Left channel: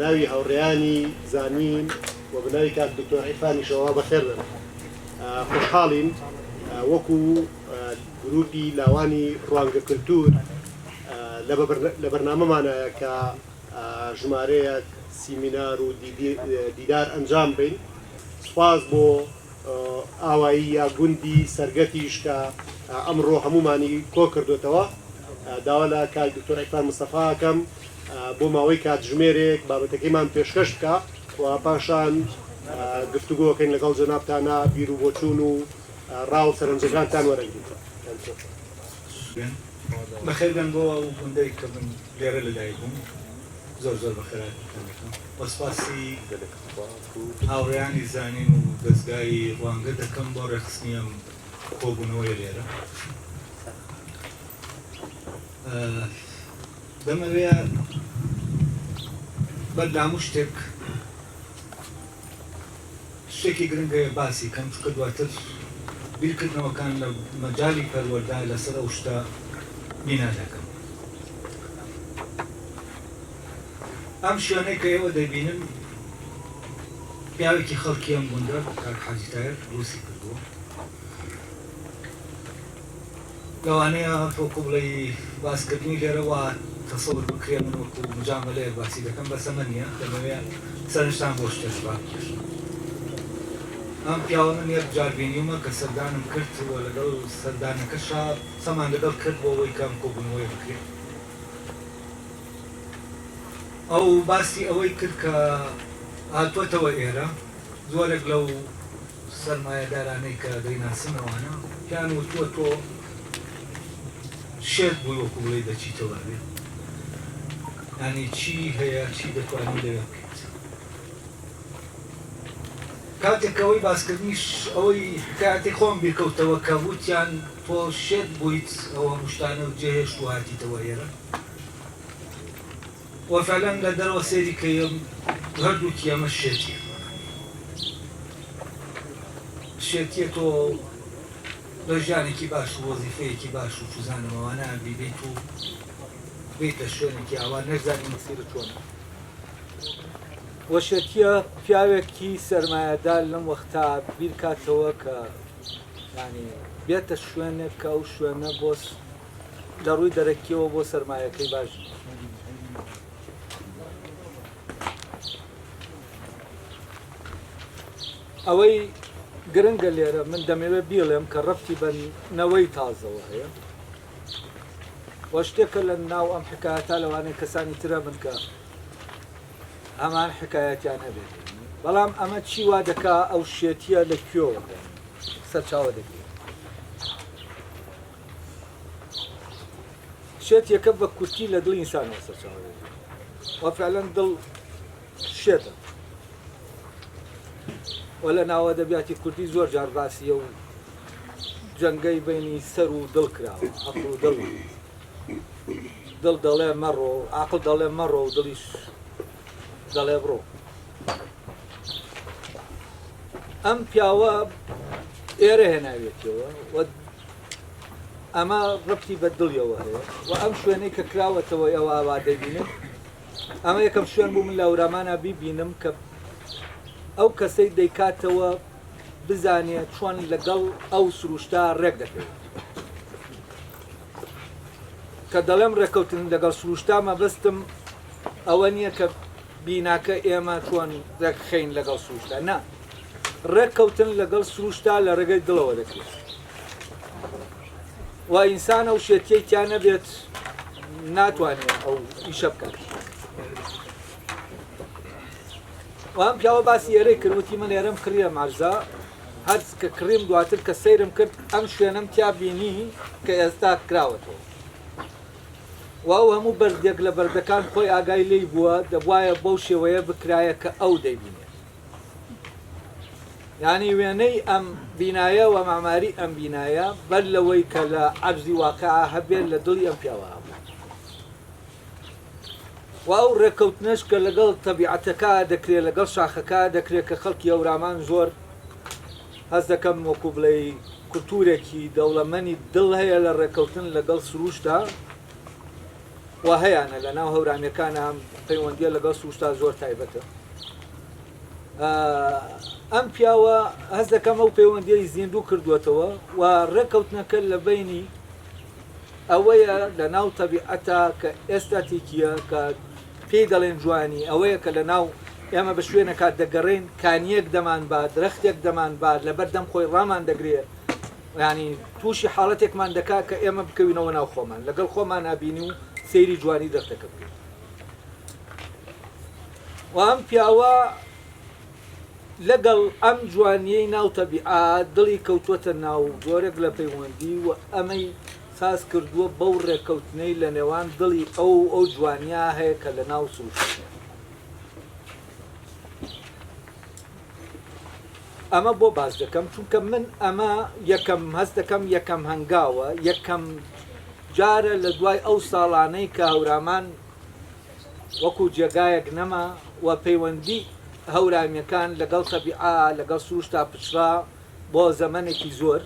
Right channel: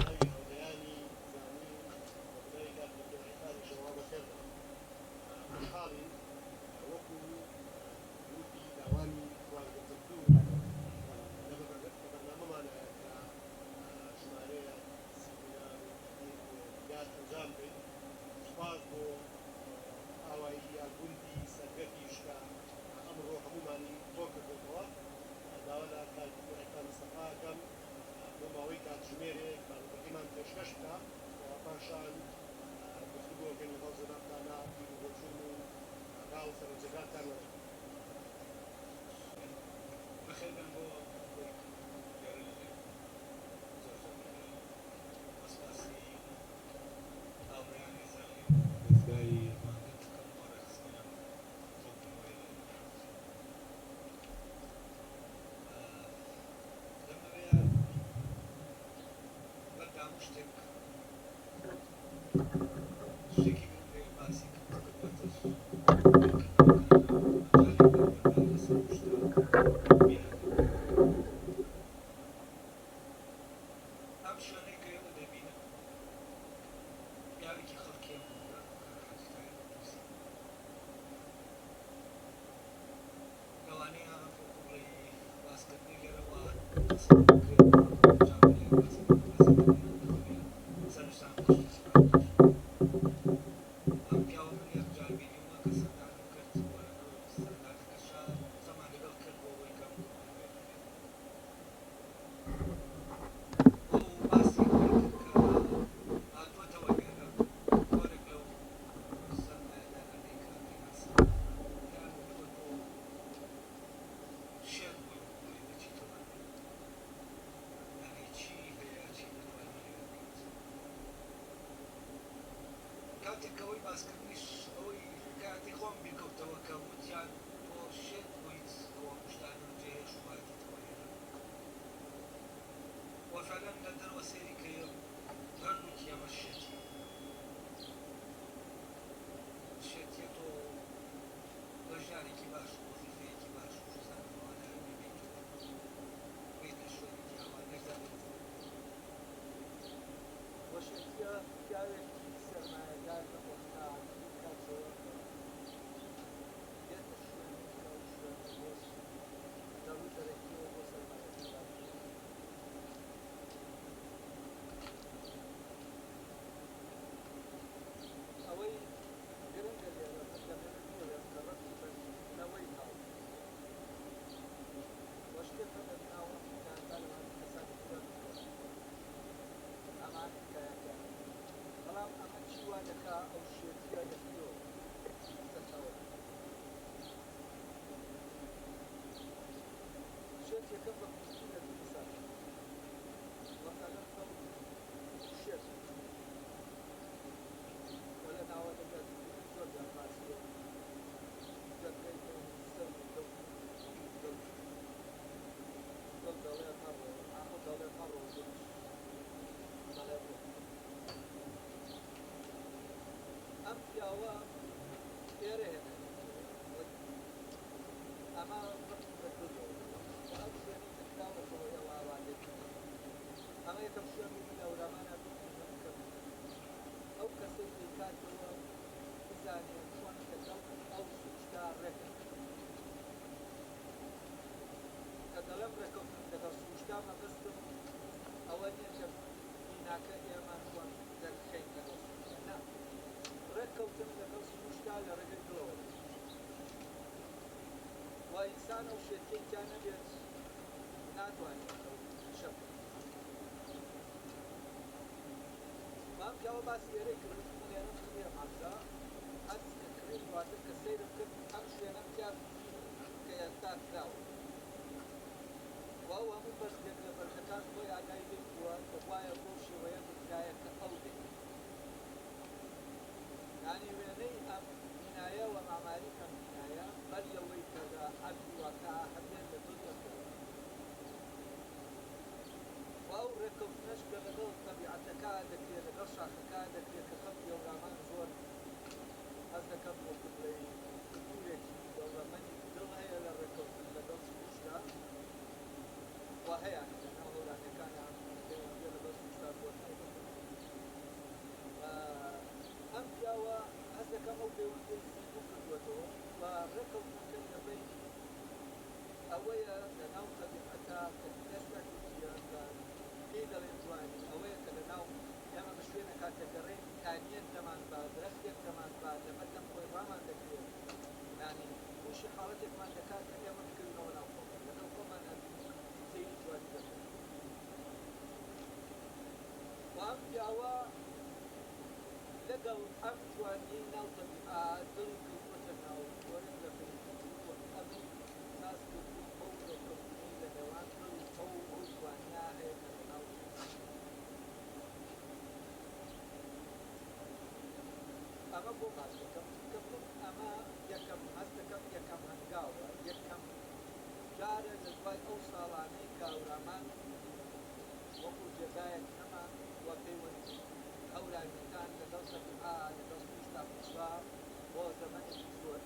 ناوي هەوڕێیانی زانین و بناوی کات دکتۆر عیرفانی شەوا بەخێر بن. خۆشحاڵین وەکو گروپی لاوانی ڕوانگە کللتور لە بەرنامەمانایە کە ژمارەیەک سیمینار و دیدار ئەنجام بین. سوپاس بۆ ئاوایی یا گوندی سەرگەتیش کە ئەمڕۆ هەمومانی کۆ کردوێتەوە. داوا لە کات دکتۆر عیرفان مستەفاکەم بۆ ماوەی کاتژمێرێک بابەتەکەیمان پێشکەش بکە و پاشان گفتوگۆکەین لەگەڵ جەنابتانە بیر و بۆچوون و ڕاو سەرنجەکانتان وەرەگرین. بەخێربێن بۆ ئەو گوندەی کە من لێرە لەلای بووم زۆر زۆر بەخێرات وەسپاسی هاوڕێیانی زانین و دەستگای ڕوانگە دەکەم بۆ ڕێخستنیم کۆبوونەوەی لێرە. دەمەوێ بەردام شتێک شتێکی گرنگە باسی کەم چکە دواتر بیرکردنەوەکان لە مەجای پەروەردە لەسەر ئەو شتە بینا دەکەن. ئەم شوێنەی کە ئێوە دەبینن پیاوێکی خەڵکی ئەم گوندە کاک حاجی تایر دروستی کردووە. لەوانەیە تۆکو بڵێی باسکردنی لێرەوە تەسەڵ بکرێ من وەکو جامە لێ باسی دەکەم بەسەمە نییە دەمەوێت سەرنجتان بۆ شتێکبان. ئەم پیاوە من یەک جار بینیومە کە سەردانم کرد و لەگەڵ سەردانەکەشا سەمان لەگەڵ کرد بۆ ئەوەی کەم کۆبوونەوەی بکرێت. ئەو باسی ئەوەی کرد کە هاتووەتەوە ئێرە زۆرێک لەو سەرمایەدارانەی کە دەیناسنەوانە پیان وتووە تۆ شێت بووی وەکو بڵێ دەچیتەوە بێت، یعنی چی هەیە چی دەتوانێت لەوێ بکەیت. کاتێک ئەوەی باسکردنیش ئەوەی کاتێک خۆم بیرکەوتەوە کە وتیان تۆ شێت بوویت ئەوە شتانە و جێهێشت و هاتیتەوە ئێرە وەفعەلەن لە دەرەوە سێری کە هەردووکی ئەمە شێتیە. شێتیە تۆ لە ژیانێکی باش و وەزیفەیەکی باش و چوزانەوەوانە بیبیت و بێتە شوێنێکی ئاوا نەزانانی مسیرە چۆنە. وەشێتیە پیاوێکی سەرمایەدار لەم وەختا بیرکاتەوە کە ینی بێتە شوێنێک کە ئەو شوێنە بۆ لە ڕووی دەرەکیەوە بۆ سەرمایەکەی باش. ئەوەی گرنگە لێرە من دەمەوێت بیڵێم کە ڕەفتی بەنەوەی تازەوە هەیە وە شتێکە لە ناو ئەم حکایەتە لەوانەیە کەسانی ترە من کە هەمان حکایەتیان هەبێت، بەڵام ئەمە چی وا دەکا ئەو شێتیە لە کوێوە سەرچاوە دەکرێت. شێت یەکە بە کورتی لە دڵی ئینسانەوە سەرچاوە دەکرێت وە فعلەن دڵ شێتە وە لە ناوە دەبیاتی کوردی زۆر جار باسیە و جەنگەی بینی سەر و دڵ کراوە. عەقڵ و دڵ دەڵێ مەڕۆ، عەقڵ دەڵێ مەڕۆ و دڵیش دەڵێ بڕۆ. ئەم پیاوە ئێرە هێناوێتەوە و ئەمە ڕەفتی بە دڵیەوە هەیە و ئەم شوێنەی کە کراوەتەوە ئێوە ئاوا دەبینن ئەمە یەکەم شوێن بوو من لە ئەورامانە بیبینم کە ئەو کەسەی دەیکاتەوە بزانێت چۆن لەگەڵ ئەو سروشتا ڕێک دەکەوێت. کە دەڵێم ڕێکەوتن لەگەڵ سروشتا مەبەستم ئەوە نییە کە بیناکە ئێمە چۆن ڕێکخەین لەگەڵ سروشتا، نا، ڕێککەوتن لەگەڵ سروشتا لە ڕێگەی دڵەوە دەکرێت و ئینسانە و شێتیەی تیان نەبێت ناتوانێت ئەو ئیشە بکات. وام پیاوە باسی ئێرەی کردوتی من ئێرەم کڕیە ماژدا هەر کە کڕیم دواتر کە سەیرم کرد ئەم شوێنەم تیا بینی کە ئێستا کراوەتەوە و ئەو هەموو بەردێک لە بەردەکان خۆی ئاگای لێی بووە دەبوایە بەو شێوەیە بکرایە کە ئەو دەیبینێت. یعنی وێنەی ئەم بینایە و ماماری ئەم بینایە بەر لەوەی کە لە عەجزی واقعە هەبێت لە دڵی ئەم پیاوە هەبوو و ئەو ڕێککەوتنەش کە لەگەڵ تەبیعەتەکە دەکرێت لەگەڵ شاخەکە دەکرێت کە خەڵکی ئەورامان زۆر هەست دەکەم وەکو بڵێ کولتورێکی دەوڵەمەنی دڵ هەیە لە ڕێککەوتن لەگەڵ سروشتا و هەیەە لە ناو هەورانیەکانە پەیوەندیە لەگەڵ سروشتا زۆر تایبەتە. ئەم پیاوە هەست دەکەم ئەو پەیوەندیەی زیندوو کردووەتەوە و ڕێکەوتنەکە لە بینی ئەوەیە لە ناو تەبیعەتە کە ئێستاتیکیە کە پێی دەڵێن جوانی ئەوەیە کە لە ناو ئێمە بە شوێنەکات دەگەڕێن کانیەک دەمان بات درەختێک دەمان بات لەبەر دەم خۆی ڕامان دەگرێت ینی تووشی حاڵەتێکمان دەکات کە ئێمە بکەوینەوە ناو خۆمان لەگەڵ خۆمان نبینی و سەیری جوانی دەختەکە بکەین. و ئەم پیاوە لەگەڵ ئەم جوانیەی ناو تەبیعات دڵی کەوتووەتە ناو زۆرێک لە پەیوەندی و ئەمەی ساز کردووە بەو ڕێکەوتنەی لە نێوان دڵی ئەو جوانیا هەیە کە لە ناو سروشتە. ئەمە بۆ باز دەکەم چونکە من ئەمە یەکەم هەست دەکەم یەکەم هەنگاوە یەکەم جارە لە دوای ئەو ساڵانەی کە هەورامان وەکو جێگایەک نەما و پەیوەندی هەورامیەکان لەگەڵ تەبیعا لەگەڵ سروشتا پچرا بۆ زەمانێکی زۆر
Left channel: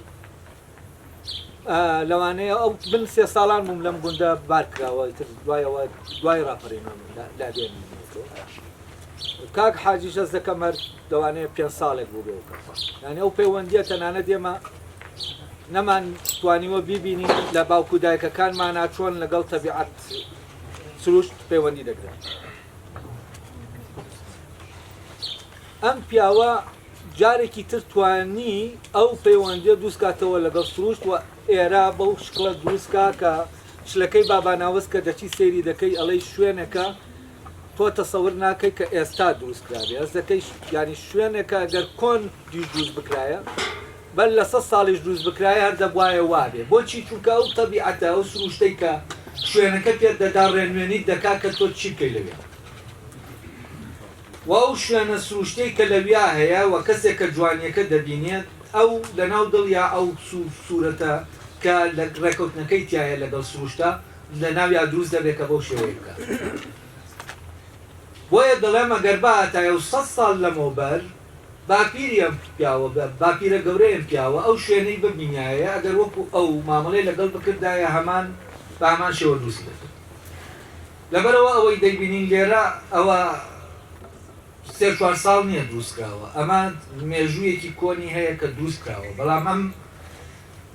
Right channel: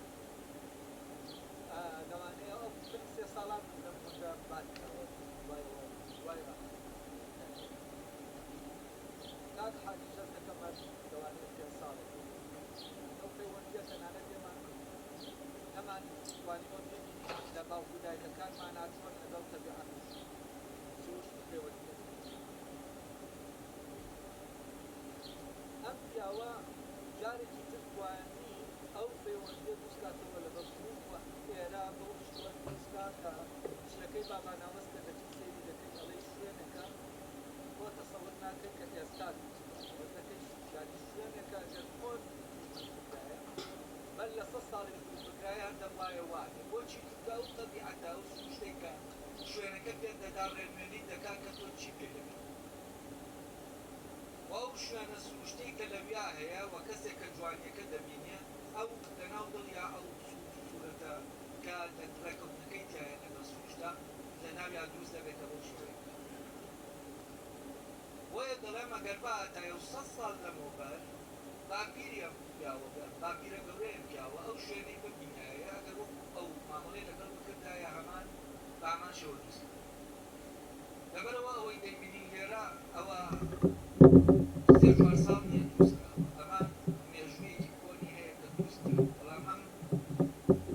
لەوانەیە ئەو بن 3 ساڵان بووم لەم گوندە بارکراوە دوایەوە دوای ڕاپەڕێنەوە دادێن کاک حاجیش هەست دەکەم هەر دەوانەیە 5 ساڵێک بوو بێ یعنی ئەو پەیوەندیە تەنانەت ئێمە نەمان توانیوە بیبینین لە باوکو دایکەکانمانە چۆن لەگەڵ تەبیعەت سروشت پەیوەندی دەگرێت. ئەم پیاوە جارێکی تر توانی ئەو پەیوەندیە دروستکاتەوە لەگەڵ سروشت و ئێرە بەو شکڵە دروستکە کە شلەکەی باباناوەست کە دەچی سەیری دەکەی ئەڵەی شوێنەکە تۆ تەسەور ناکەی کە ئێستا دروستکرابێ ئەس دەکەی ینی شوێنێکە گەر کۆن دیش دروست بکرایە بەر لە 100 ساڵیش دروست بکرایە هەر دەبوایە وابێ بۆچی چونکە ئەو تەبیعەتە ئەو سروشتەی کە شوێنەکە پێت دەدا ڕێنوێنیت دەکات کە تۆ چی بکەی لەوێ و ئەو شوێنە سروشتەی کە لەویا هەیە و کەسێک کە جوانیەکە دەبینێت ئەو لە ناو دڵیا ئەو سوورەتە کە لە ڕێکەوتنەکەی تایە لەگەڵ سروشتە لە ناویا دروست دەبێت کە بەو شێوەیە بکات. بۆیە دەڵێمە گەر باتایە و 100 ساڵ لەمەوبەر باپیری ئەم پیاوە باپیرە گەورەیەم پیاوە ئەو شوێنەی ببینایە ئەگەر وەکو ئەو مامەڵەی لەگەڵ بکردایە هەمان بە هەمان شێوە دروست دەکات. لەبەرەوە ئەوەی دەیبینین لێرە ئەوە 3-4 ساڵ نییە دروستکراوە ئەمە مێژوویەکی کۆنی هەیە کە دروستکراوە بەڵام ئەم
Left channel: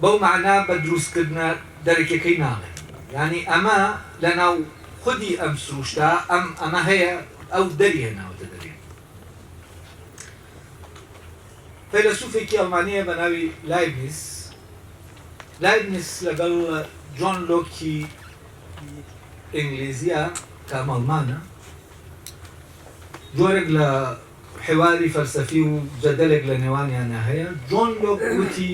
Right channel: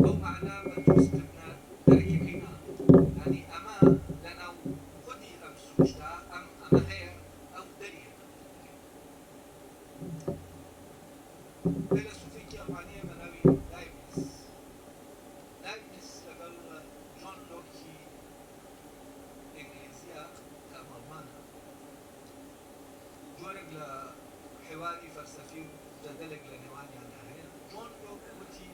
بەو معنا بە دروستکردنە دەرەکەکەی ناڵێت ینی ئەمە لە ناو خودی ئەم سروشتە ئەمە هەیە ئەو دەری هێناوەتە دەرێ. فەیلسوفێکی ئەڵمانیە بە ناوی لایبنیس لەگەڵ جۆن لۆکی ئینگلیزیە کە ئەڵمانە جۆرێک لە حێواری فەلسەفی و جەدەلێک لە نێوانیانە هەیە. جۆن لۆک وتی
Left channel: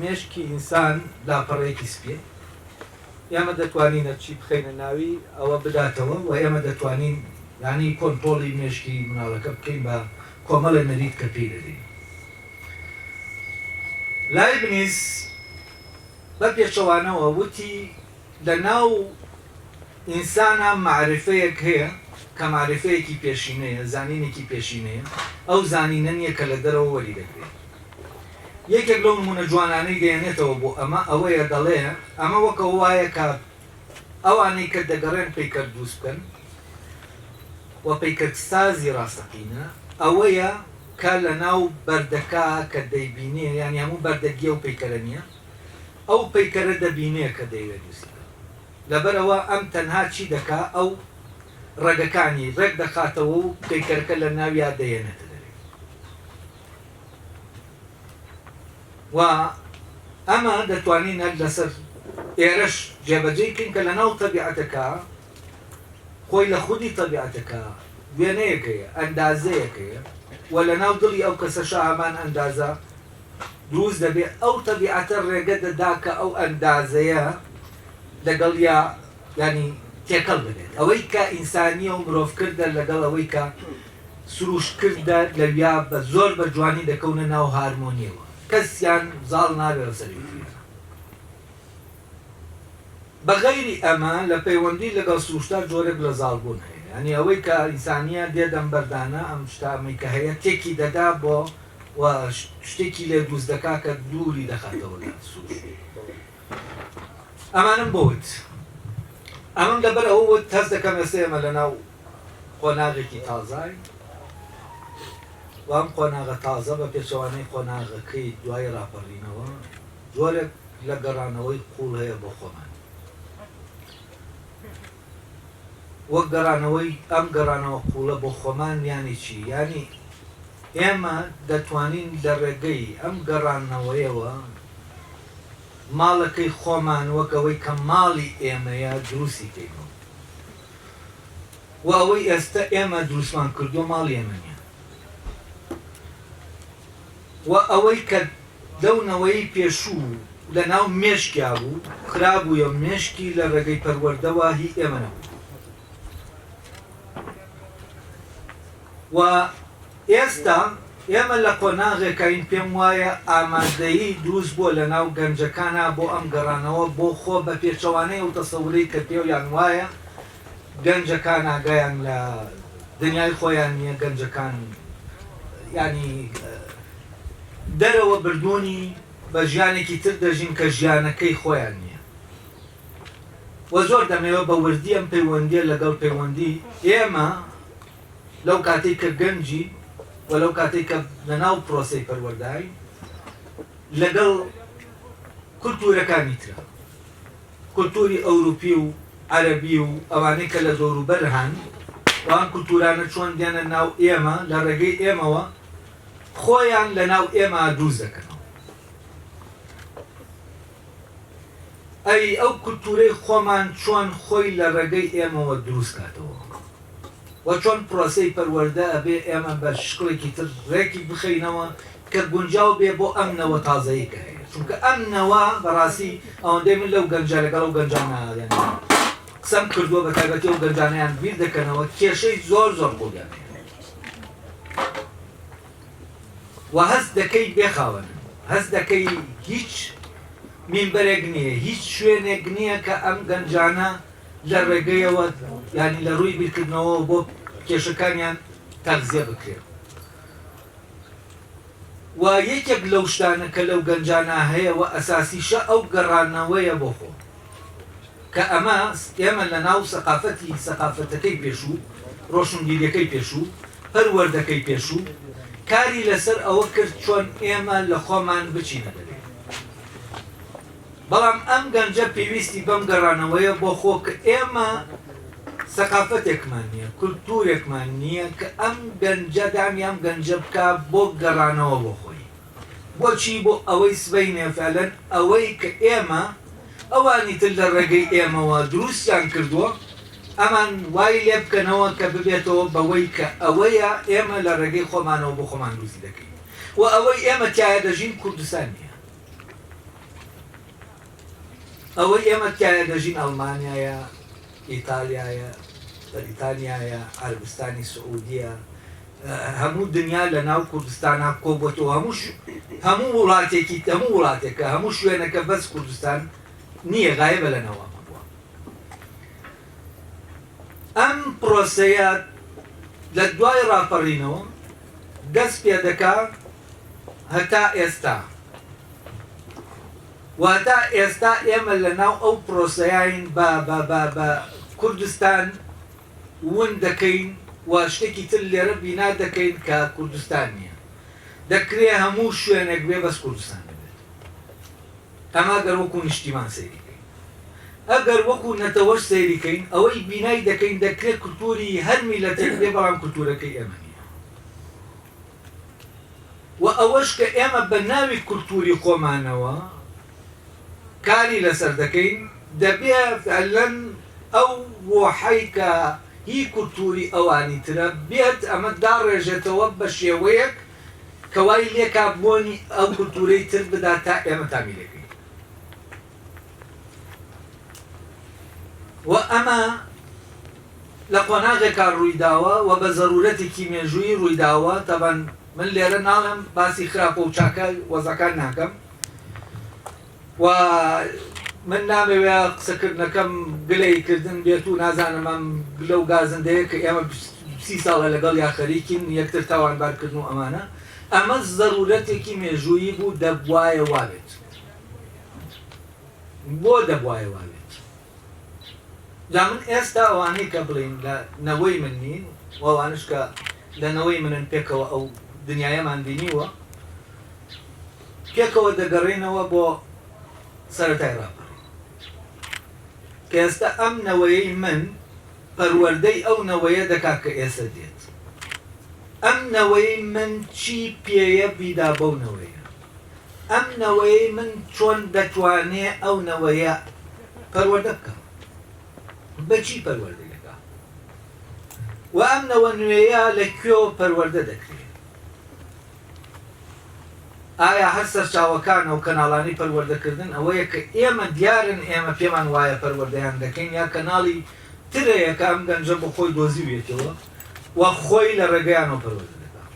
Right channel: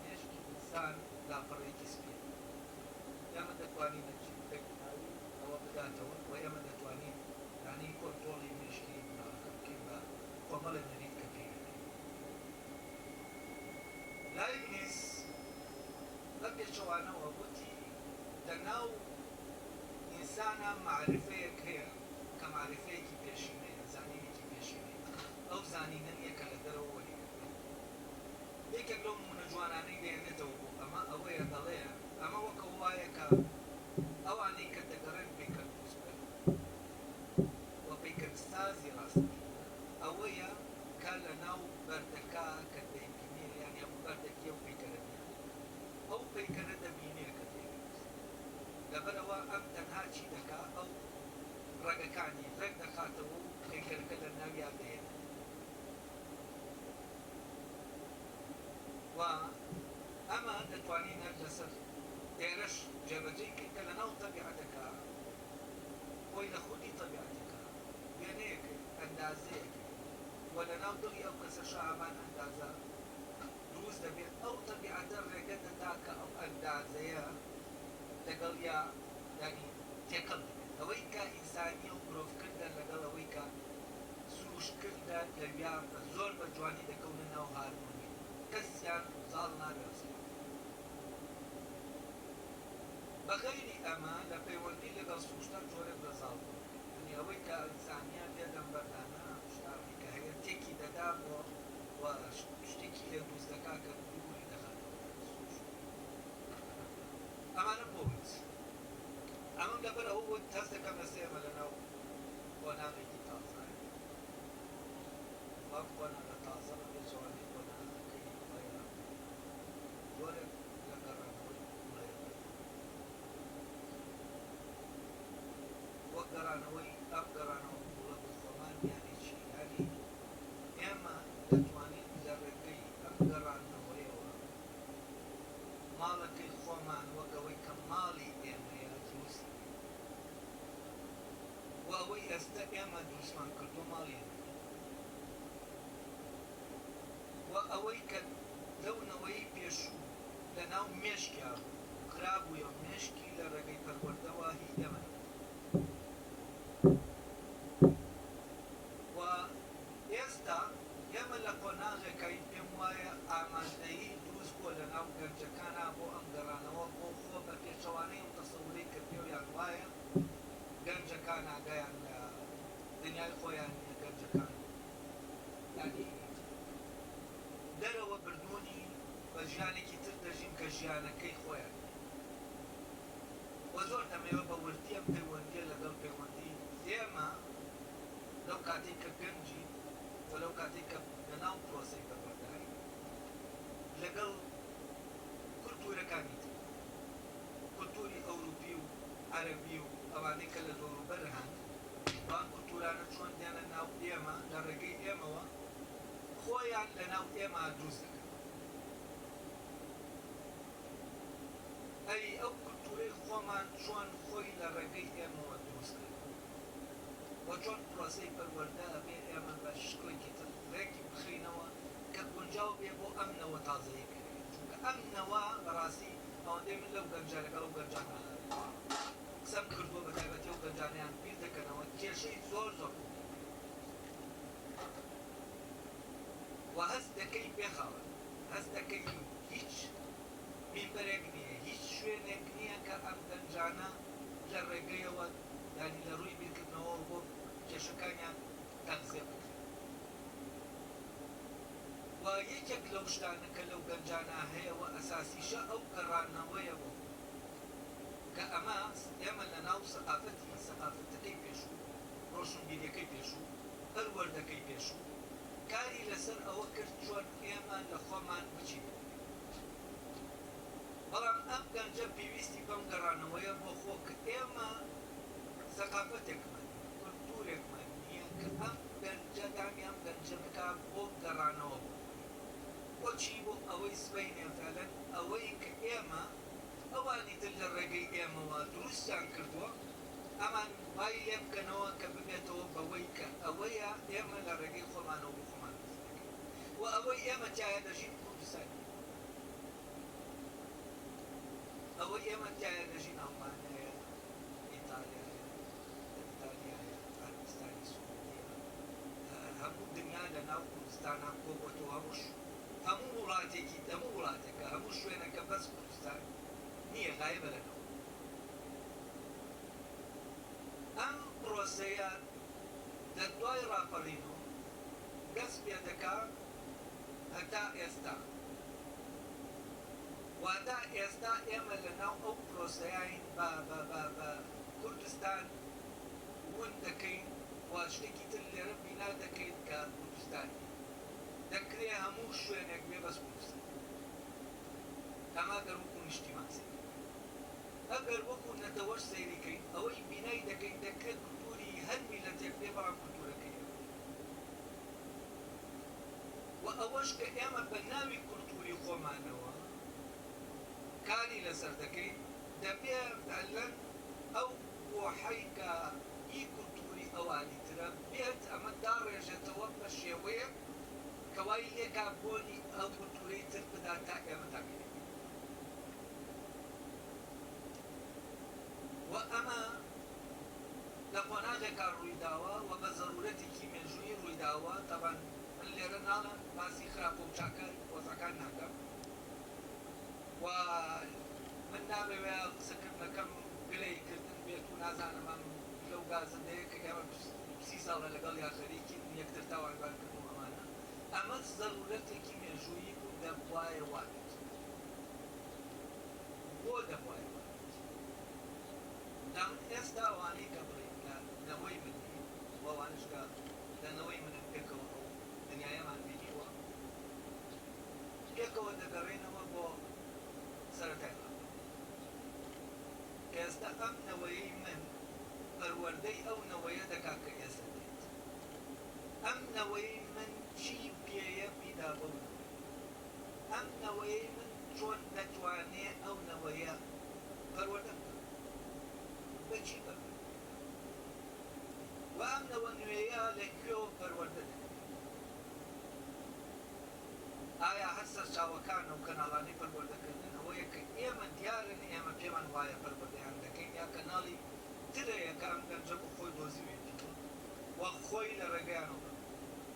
مێشکی ئینسان لاپەڕەیەکی سپیە ئێمە دەتوانینە چی بخەینە ناوی ئەوە بداتەوە و ئێمە دەتوانین ینی کۆنتۆڵی مێشکی مناڵەکە بکەین بە کۆمەڵە نەریت کە پێی دەدەین. لایبنیس بە پێچەوانەوە وتی لە ناو ئینسانە معرفەیەک هەیە کە معرفەیەکی پێشینەیە زانینێکی پێشینەیە ئەو زانینە نییە کە لە دەرەوە وەری دەکرێت. یەکێک لەو نمونە جوانانەی دێنێتەوە بۆ ئەمە ئەوەیە دەڵێ ئەمە وەکە وایە کە ئەوانەی کە دەگەڕێن پەیکەر دروست بکەن و پەیکەرسازی ڕاستەقینە ئەوەیە کە لە ناو بەردەکە کە دەیبینێ یانی هەموو بەردەگیە و پەیکەرە نییە ئەو پەیکەرە دەبینێ کە دەیوێت دروست لەبەرەوە ئەم تەنها چی دەکا ئەو ڕێگەکانی ڕێک دەخاتەوە و پەیکەرەکە لە ناویا دەیەنێت و ئەمە دەتوانین هەر لەسەر ئێرەش جێبەجێ بکەین کە لە ناو تەبیعەتەکە خۆی لە خودی تەبیعەتەکە وێنەیەکەیە ئەندازەیەکەیە و لە ناو دڵی ئەو کەسەشە هەمان ئەندازە دروست دەبێت ئەو تەبیعەتە ڕێگە دەدا کە ئەو ئەندازەیە لەگەڵ یا ینی تێکەڵ بێت ئەوەی کە ئینسانیە و مرۆڤکردە لەگەڵ ئەوەی کە سروشتکردە لەویا بە زۆر بە جوانی دەکەونە ناو هارمۆنیەوە کەسیان زاڵ نابێت سەری بەغەیری ئەمە لە پەیوەندی لەگەڵ سروشتە جۆرێک لە زاڵبوون هەیە ینی ئەوەی کە ئینسانیە دێدەم بەردانە ئەم شتامی کە هەیە تێکی دەدا بۆ و شتێکی لێ دروست دەکا کە دووری دەخاتەوە لە سروشت ئەمانم بۆت ئەمەم لەبەر ئەوە هەست دەکەم ئێستا ئێمە لە ناو قۆناغێکی تازای وام قۆناغە تازە بە پێچەوانەی قۆناغەکەی دوای ڕاپەڕینەوە جۆرێک لە گەڕانەوەی قوڵ هەیە بۆ خۆمان وەک گەڕانەوەی ئەم گەڕانەوە قوڵە بۆ خۆمان یانی چی ینی ئێمە دەتوانین لە ڕێگەی ئەم گەڕانەوەیەوە ماڵەکەی خۆمان وەکەوەی کە ماڵی ئێمەیە دروستی کەین و ئەوەی ئێستا ئێمە دروستمان کردو ماڵی ئێمە نیە و ئەوەی کە دەونەوەی پێشوو لە ناو مێشکیا بوو خراببووە مێشکی لە ڕێگەی پەروەردەوە هی ئێمە نەبوو و ئێستا ئێمە لە قۆناغێکین پێم وایە ئامادەیی دروست بووە لە ناو گەنجەکانە بۆ ئەم گەڕانەوە بۆ خۆ بە پێچەوانەی و تەسەووری کە پێویان وایە گەنجەکان ئاگایان لە دنیای خۆیان نییە گەنجەکان ینی دەرەوە بردوونی بە ژیانێکی تر دەژین کە ژیانەکەی خۆیان نییە و زۆر دەمەوە بە وردی ئەم پەیوەندیە لەگەڵ پەیوەندی ئێمە لەو کاتێک کە گەنجی و لەو کاتێک کە لەناو پرۆسەی پەروەردای لەگەڵ کولتورەکانی ترە کولتوری ئەوروپی و عەرەبی و ئەوانەی کە لە دەوروبەر هەن وان کولتورانە چۆن دێنە ناو ئێمە لە ڕێگەی ئێمەوە خۆیان لە ناو ئێمە دروست دەکەنەوە ئەی ئەو کولتورەی خۆمان چۆن خۆی لە ڕێگەی ئێمەوە دروست کاتەوە و چۆن پرۆسەی پەروەردە ئەبێ ئێمە بە شکڵێکی تر ڕێکی بخەینەوە کە گونجاو بێ بۆ ئەم نەوە تازەیی کە هەیە چونکە ئەم نەوە بەڕاستی ئەوەندەی من لەو گەنجە لەگەڵ ئەو گەنجانە قسەم کردووە بە تایبەتی ئەو گەنجانەیان بیر دەکەنەوە کێشەی زۆر زۆر بۆیان و هەست دەکەی بێخاوەن هەست دەکەی هیچ مینبەرێک نییە هیچ شوێنێک نییە کە ئەم گەنجانە لە ڕێگەیەوە ینی لە ڕووی بیرکردنەوە بۆ کێشەکانیان تەغزیە بکرێت و یەکێک لەو شتانە کە لەو گەنجانە هەیە و ئەساسیشە ئەو گەڕانەوەیە بۆ خۆ کە ئەمە ئێمە لە ناو سەقافەتەکەی پێشوو ڕۆشنبیریەکەی پێشوو پەروەردەکەی پێشوو کاری لەسەر ئەوە کرد چۆن ئێمە لە خۆمان بچینە دەبێت بەڵام ئەم گەنجە پێویستی بەم گەڕانەوەیە بۆ خۆ کە ئێمە سەقافەتێکمان نییە کولتورێکمان نییە کە ئەم گەنجە دامیان گەنجە بکە بۆ گەڕانەوە بۆ خۆی بۆچی بۆ ئەوەی سبەینێ فعلەن ئەوەی کە ئێمە ئەوانی تر لە ڕێگەی ئێمەوە دروستیان کردووە ئەمان وای لێ بکەنەوە کە ببێتەوە بەوەی کە ئەوەیە ئێمە لە ڕێگەی خۆمانەوە بۆ خۆمان دروستی دەکەین و ئەوەی ئێمە تایە دەژین کوردستان نییە ئەوەی ئێمە تایە دەژین ئەڵمانیایە ئیتالیایە بەریتانیایە عەربستانی سعودیە هەموو دنیا لە ناو کوردستانە کۆبووەتەوە هەموو وڵاتێکە هەموو شوێنەکە بەس کوردستان نییە غایبە لەنەوە بووە ئەم پرۆسەیە لە دوای ڕاپەڕینەوە دەست پێ دەکات هەتا ئێستا واتە ئێستا ئێمە لە ناو ئەو پرۆسەیاین بە کوردستان ون دەکەین و شتێکی تر لێرە بینا دەکەین کە کوردستان نییە دەکرێ هەموو شوێنێک بێ بەس کوردستان دەبێت ئەمە گەر وەکو نیشتیمان سەیریکەین ئەگەر وەکو نەتەوەش سەیریکەین ئەوەی بینای دەکەین دەکرێت کولتوری هەر میلەتێک بێ بەڵام کولتورەکەی ئێمە نییە و ئەوەش کە ئێمە بە ناوی کولتوری خۆمانەوە کاری لەسەر دەکەین دەبێت فعلەن ئەو وحەی کە هی کولتوری ئەوانی ترە بێت ئەمە داڕێژێتەوە بە شێوەیەک کە وای لێکا بۆنی ئەو کولتورەی تر بدا تا ئێمە تامیلەکەین و ئەمە لە قۆناغێکا ڕوویداوە و بە زەرورەتێکی مێژووی ڕوویداوە تەبەن من لێرە ناڵم باسی خراپە و چاکە وەزەکان ناکەم و من نامەوێ قسەکردنەکەم گلەیکردن بێت و نازانم ئەم گلە و گازندەیە کە ئێمە 30 ساڵە لەگەڵ یا خەریکین یەکتر تاوانبارکردن و ئەمانە ئەمە زەرورەتێکی مێژوویی بوو دەبوایە وابێت بۆ دەبوایە وابێت جا من ئێستا ئەوانەی کە بڵین لە نەوەی من نین وەوانش کە لەنەوەی منن پێکەوە ئەو دنیایەمان بینیوە پێکەوە دەگەڕێنەوە بۆ سەرەتای ڕاپەڕین کە ئێستا ئەم نەوەیەی من پەروەردەی ئەو نەوەیە دەکات کە ئێستا دێت ئەم نەوەی من چی پێیە بیدا بەو نەوەیە ئەم نەوەی من چۆن دەتوانێ ئەو نەوەیە پەروەردە بکەم بەچی پەروەردە دەکا و ئەم نەوە نوێیە لەکوێوە پەروەردە دەکرێت ئایا هەر سەرچاوەکانە و کەناڵانی پەروەردەکردن ئەوەیە کە ئێمە دیارن ئێمە پێمان وایە پەروەردەیان دەکەین یا کەناڵی ترەیە کە ئەم گەنجە بۆ خۆی دۆزیوێتەوە و خۆی لە ڕێگەیانەوە پەروەردە دەکات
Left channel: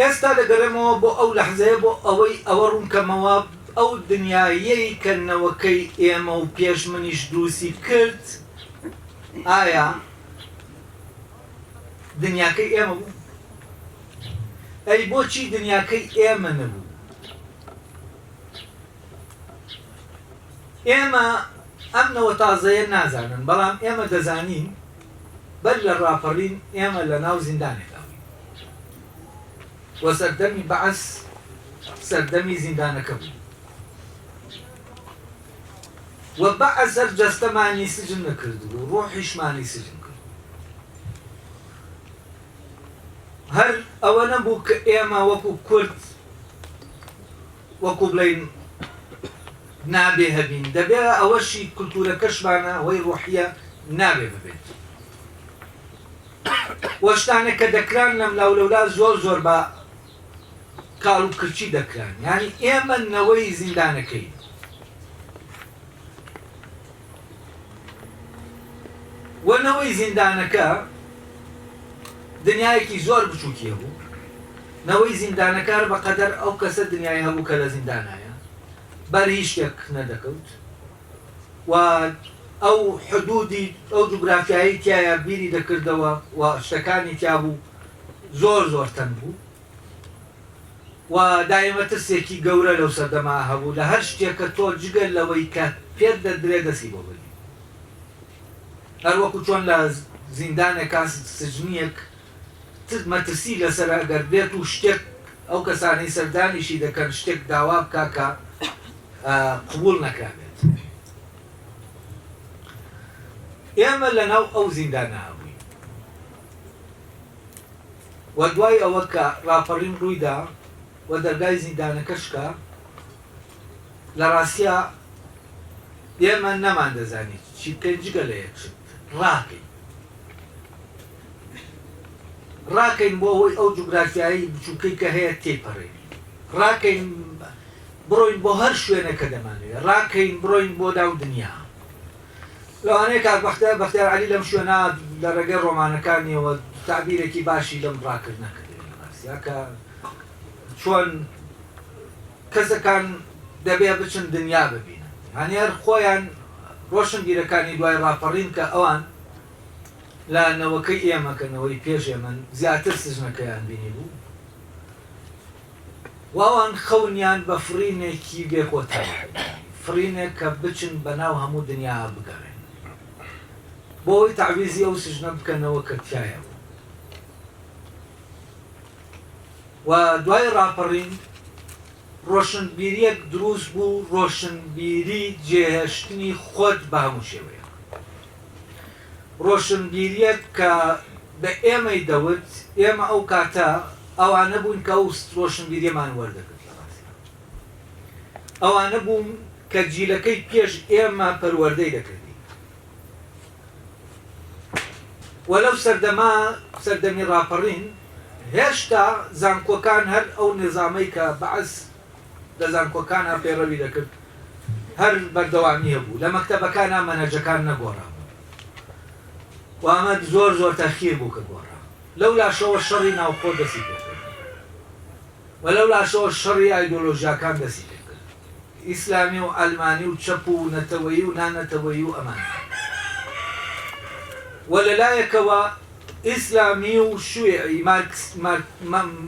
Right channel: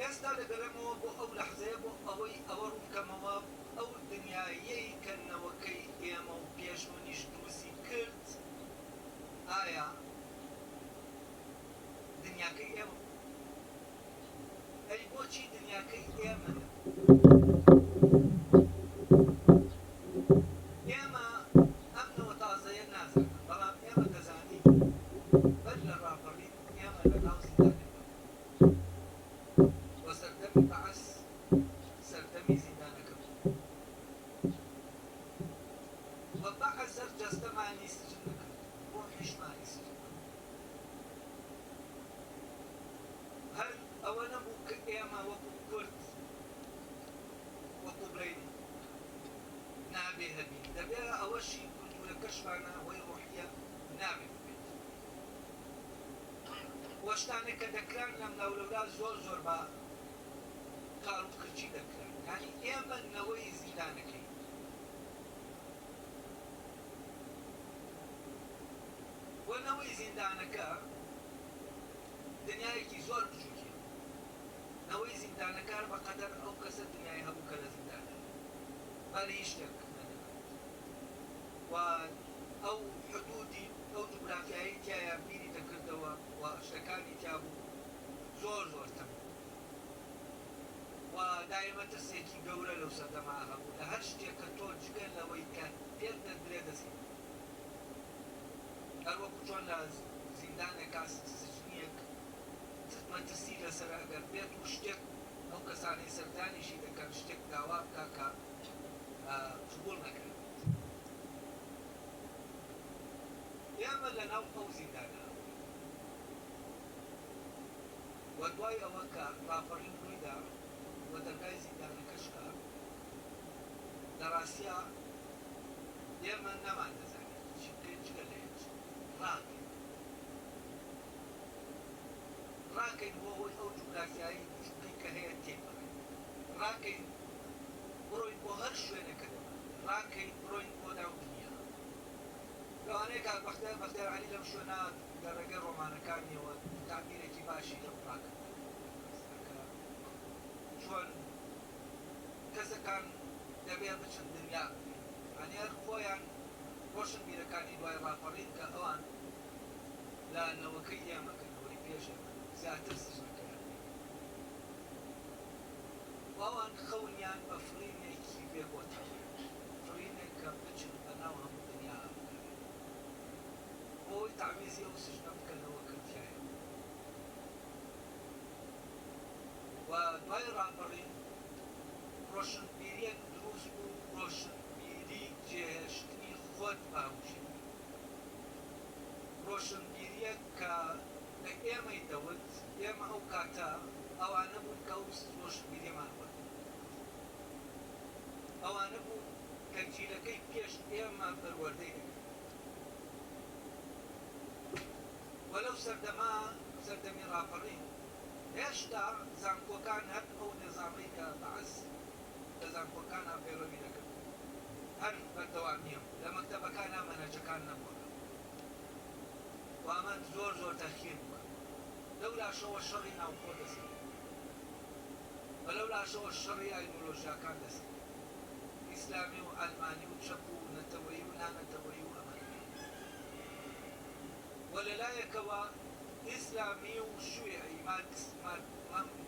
ئێستا دەگەڕێمەوە بۆ ئەو لەحزەیە بۆ ئەوەی ئەوە ڕوونکەمەوە ئەو دنیایەی کەنەوەکەی ئێمە و پێش منیش دروستی کرد ئایا دنیاکەی ئێمە بوو ئەی بۆچی دنیاکەی ئێمە نەبوو ئێمە ئەم نەوە تازەیە نازانن بەڵام ئێمە دەزانین بەر لە ڕاپەڕین ئێمە لە ناو زیندانێکدا وە سەردەمی بەعەس سەردەمی زیندانەکە بوو و بەعەس هەر جەستەمانی سجن نەکرد بوو ڕۆحیشمانی سجن کرد هەر ئەوە نەبوو کە ئێمە وەکو کورد وەکو بڵین نابێ هەبین دەبێ ئەوەشی کولتورەکەشمانە ئەوەی ڕۆحیە نابێ ببێت وەشتانێک کە دەکران لەم لاولەولا زۆر زۆر بە کاڵ و کرچی دەکران یعنی ئێمە نەوەی زیندانەکەی وەنەوەی زیندانەکە دنیایەکی زۆر بچووکیە بوو نەوەی زیندانەکار بەقەدەر ئەو کەسە دنیای هەبوو کە لە زیندانایە بەر هیچ شتێک نەدەکەوت و ئەو حدودی ئەو جوگرافیایی تایە بیری دەکردەوە و شتەکانی تیا بوو زۆر زۆر تەن بوو و دایمە ترسێکی گەورە لەو سەردەما هەبوو لە هەر شتێکە تۆ جگەر لەوەی کە پێت دەدرێ دەسی بۆ بگری هەر وەکو چۆن لە زیندانێکا سجنیەک مەترسی لەسەر ئەگەر بێت و شتێک ئەو کەسانی سەردانیشی دەکەن شتێک داوا بکا کە قبول نەکرابێت ئێمە لەناو ئەو زیندانە هەبووین و دوای ئەوە کە ڕاپەڕین ڕوویدا و دەرگای زیندانەکەشکە لە ڕاستیە ئێمە نەمان دەزانیت چی بکەین جگە لە یەکشت ڕاکەین بۆ ئەوەی ئەو جوگرافیایی بچووکەی کە هەیە تێپەڕین ڕاکەین بڕۆین بۆ هەر شوێنەکە دەمانوێت ڕاکەین بڕۆین بۆ داو دنیا لەوانەیە کات بەختیار عەلی لەم شوێنە لە ڕێگەی ڕۆمانەکانیەوە تعبیرێکی باشی لەم ڕاکردنەکە کە چۆن کەسەکان دەبێ بچن دنیا ببینن هەنێر خۆیان ڕۆشنبیرەکانی دوای ڕاپەڕین کە ئەوان لە نەوەکەی ئێمەکەنەوەی پێش ئێمە زیاتر سژنەکەیان بینی بوو واوان خەونیان بە فرینێکی بێکۆتا فرینێک کە بچن بەناو هەموو دنیا بگەڕێن بۆی تعویزی ئەو سژنە بکەنەوە کە تایە بوو و دوای ڕاپەڕین ڕۆشنبیریەک دروست بوو ڕۆشنبیری جێهێشتنی خۆت بە هەموو شێوەیە ڕۆشنبیریەک کە بە ئێمەی دەوت ئێمە ئەو کاتە ئەوانە بوون کە ئەو ڕۆشنبیریەمان وەردەگرت ئەوانە بوون کە جیلەکەی پێش ئێمە پەروەردەی دەکردی وەلەو سەردەمی ڕاپەڕین هێشتا زانکۆکان هەر ئەو نظامەی کە بەعەس لە زانکۆکانە پێڕەوی دەکرد هەر بەردەوامی هەبوو لە مەکتەبەکانە مەنەجەکان نەگۆڕابوو و ئەمە زۆر زۆر تەخیر بوو کە گۆڕا لەو لاشەوە شەڕی ناوخۆ دەسی پێکرد و لەو لاشەوە شەڕی ئایدۆلۆژیاکان دەسی پێکرد ئیسلامی و ئەلمانی و چەپ و نەتەوەیی و نانەتەوەیی و ئەمان و لەلایەکەوە ئیسلامی و شوێعی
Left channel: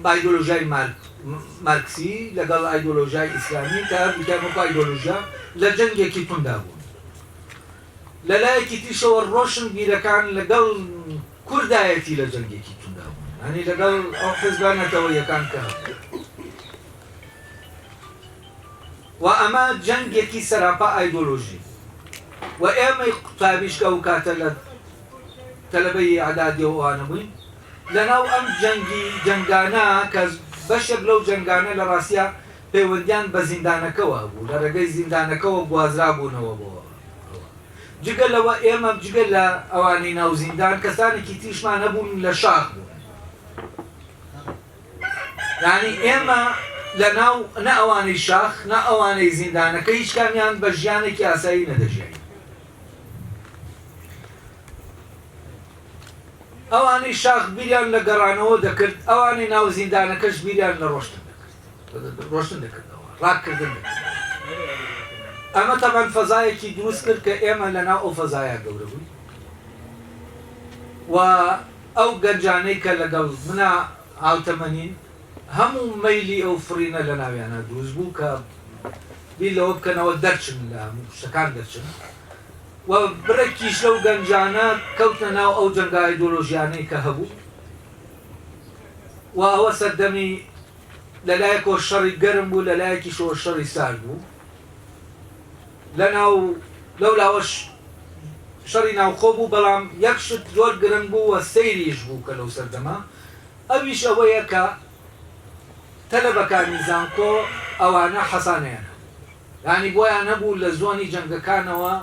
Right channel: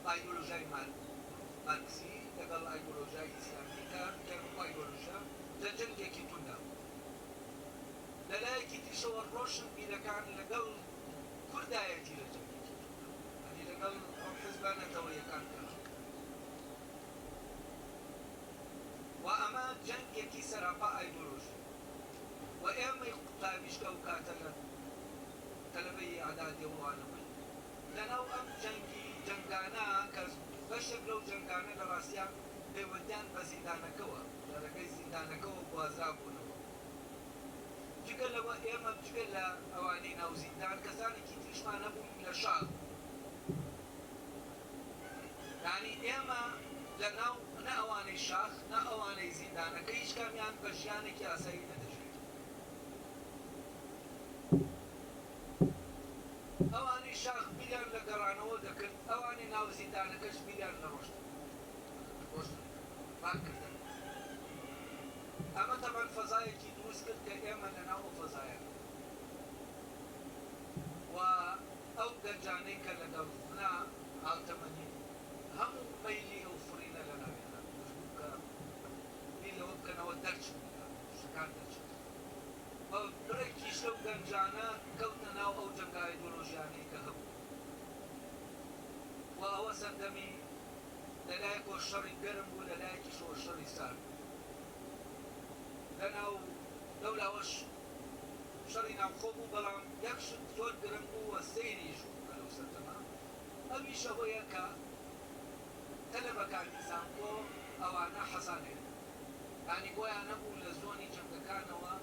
ئایدۆلۆژیای مارکسی لەگەڵ ئایدۆلۆژیای ئیسلامی کە هەردووکیان وەکو ئایدۆلۆژیا لە جەنگێکی توندا بوون لە لایەکی تیشەوە ڕۆشن بیرەکان لەگەڵ کوردایەتی لە جەنگێکی توندا بوون هەنی لەگەڵ ئەو حزبانەتەوە یەکان کە و ئەمە جەنگێکی سەراپا ئایدۆلۆژی و ئێمەی قوتابیشکە و کاتە لە تەلەبەی عەدادیەوەوانە بووین لەناو ئەم جەنگانە کە بەشێک لەو جەنگانە لە ڕاستیە پەیوەندیان بە زیندانەکەەوە بوو لە ڕێگەی زیندانەکەەوە گوازرا بوونەوە بۆ جگە لەوە ئێمە جگە لە ئەوانەی ناو زیندان کەسانێکی تیشمان هەبوون لە شاخ بوون یعنی ئێمە لە ناو نە ئەوانەی شاخ نە ئەوانەی زیندانەکە هیچ کامیان بە ژیانێکی ئاسایی نەدەژین ئەوانەی شاخ بیریان لە گەڕانەوە دەکرد ئەوانەی ناو زیندانەکەش بیریان لە ڕۆشتن دەکردەوە ڕاکردن ئەمە تەمان فەزایەکی دروست کرد کە ئێمە لە ناو ئەو فەزایە گەورە بووین و ئەو گەنجانەی کە لەگەڵ منە هاوتەمەنین هەموو مەیلی ئەو فڕینە لە ناویانە دروست بوو کە بیر لەوە بکەنەوە دەرچن لە هەموو شتەکان دەرچن و بڕێکیش لەو گەنجانە کەوتنە ناو ئەو جەنگە ئایدۆلۆژیانەی کە هەبوو و ئەوە سەردەمی لەلایەکەوە شەڕی گەرم بوو لەلایەکیشەوە شەڕی سارد بوو لەناو لەولاوەش شەڕی ناوخۆ بوو بەڵام یەک شت زۆر گرنگ بوو و سەیریش بوو کە لەو سەردەما ئەویش ئەوەیە کە تەلەبەکانی زانکۆ ئەوانە حەسانیانە یعنی بۆیان نەبوو لە زۆنی جەنگەکانەوە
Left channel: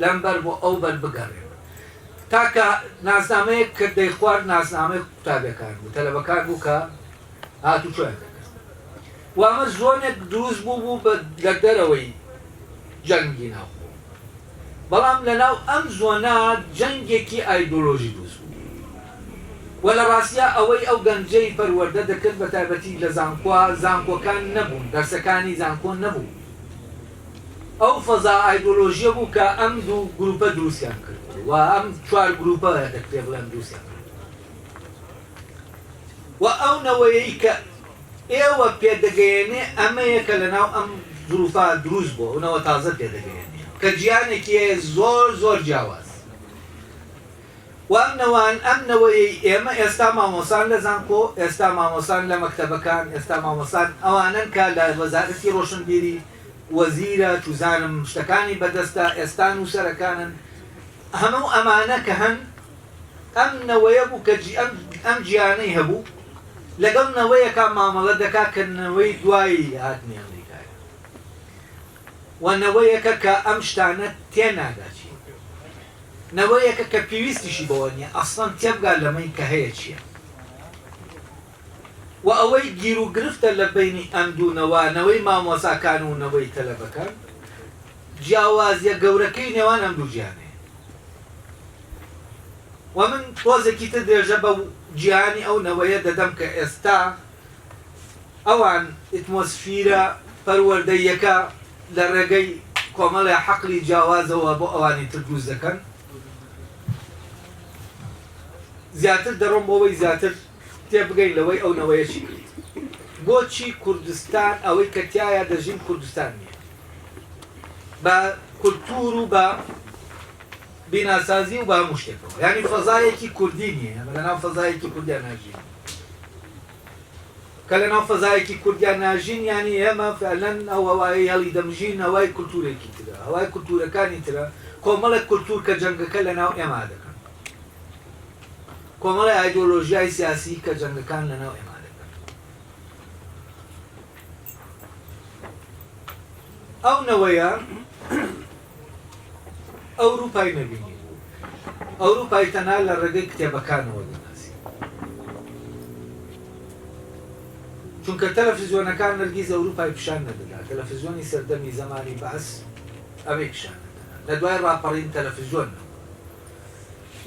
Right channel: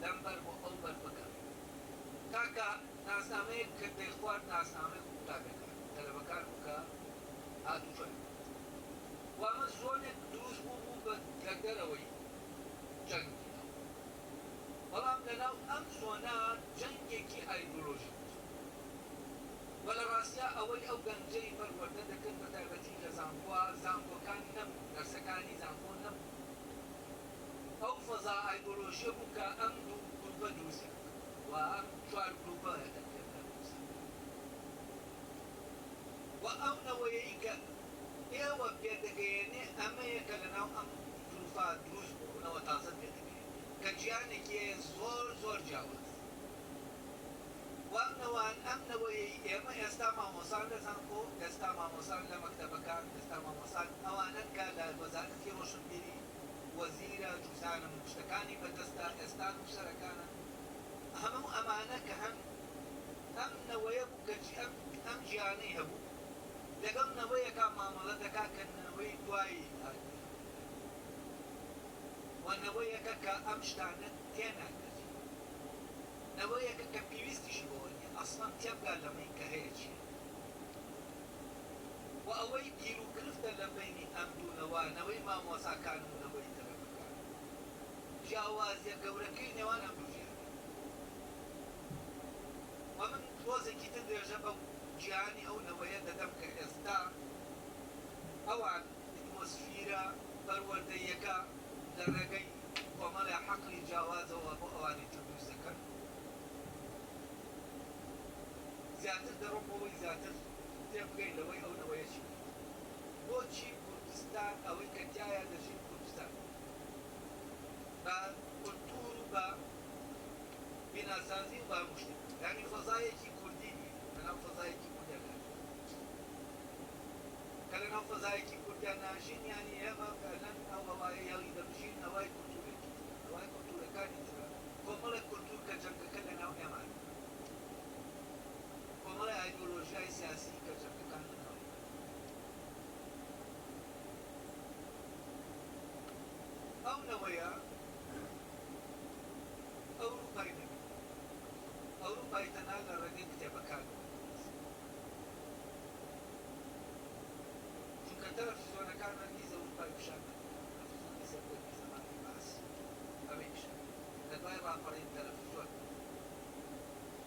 لەمبەر بۆ ئەو بەر بگەڕێن تاکە ناسنامەیەک کە دەیخوارد ناسنامەی قوتابیەکان بوو تەلەبەکان بوو کە هاتوچۆیان دەکرد و ئەمە زۆنێک دروست بوو لە دەرەوەی جەنگی ناوخۆ بەڵام لەناو ئەم زۆنە جەنگێکی ئایدۆلۆژی دروست بوو و لە ڕاستیە ئەوەی ئەو گەنجەی پەروەردە دەکرد بە تایبەتی لە زانکۆکان نەبوون دەرسەکانی زانکۆ نەبوو ئەو فەزا ئایدۆلۆژیە بوو کە ئەم دوو گروپە دروستیان کرد و ئەم چوار گروپە دەکرێ بڵێن دروستیان کرد و ئەو نەوەیەی کە ئێوە پێدەگەیەنێ ئەمەیە کە لەناو ئەم ظروفا دروست بووە ئەوەوە تازە پێدەگەیەنێ کە گیانێکی زۆر جیاواز و ئەم نەوەی ئێمە ئێستا مامۆسان لە زانکۆ ئێستا مامۆسان لە مەکتەبەکان ئێستا مامۆسان ئەوانن کە لە وەزارەتی ڕۆشنبیری وەزیرە توزانم شتەکانی بەدەستە ئێستا نووسەرەکانن هەموو ئەمانە کە هەن ئەم نەوەیە بوو کە ئەم گیانەی هەبوو لەگەڵ نەوەیەکە مامەڵە دەکا کە نەوەی دوایی هاتنی ئەمریکای و نەوەیەکە کە ئەم شتانە تێناگاچی نەوەیەکە کە پێویستیشی بەوە نییە ئەسڵەن تێبگا لەمەی کە هەیە چییە و ئەوەی گیر و گرفتە لە بینی ئەم دوونەوەی مامۆساکان و نەوەی تەلەبەکان جیاوازیە گەورەکەی نێوان ئەم دوو گیانەیە و من تۆزێکی تر درێژە بە جیهانی ئەو نەوەیە دەدەم کە ئێستا ئەوان ئتمۆسفیرە پەروەردەیەکە لە ڕێگەی کۆمەڵی حەقلی جیاوازەوە بۆ ئەوانی تر دروست دەکەن زیاتر دەڕۆم بۆەوەی زیاتر تێبگەین لەوەی ئەو نەوەیە چی کرد بۆچی کوردستان ئەوەی کە تایە دەژین کوردستان نییە بە کولتور و بە بیناسازی و بە هەموو شتێکەوە یعنی فەزایەکی کوردی نییە لەناو فەزایەکی کوردیان ناژین کە لەناو فەزایەکی کوردیان ناژین یعنی ئێمە فعلەن ئەو هەوایی هەڵی دەمژین هەوای کولتورێکی ترە هەوای کولتورەکانی ترە کۆمەڵێک کولتور کە جەنگەکە لەناو ئێمە دەکەن کۆمەڵی ئایدۆلۆژیای سیاسی کە جەنگەکان لەناو ئێمە دەکەن ئەو نەوەیە ئەوروپای نەبینی بوو ئەوروپای تەنها لە ڕێگەی کتێبەکانەوە دەناسی چونکە تەلەڤیزیۆنەکان نەرگیز ئەوروپای پیشان نەدەدا تەلەڤیزیۆنی سەردەمی زەمانی بەعەس ئەوەی پیشان دەدا لە دوای ڕاپەڕین تەلەڤیزیۆن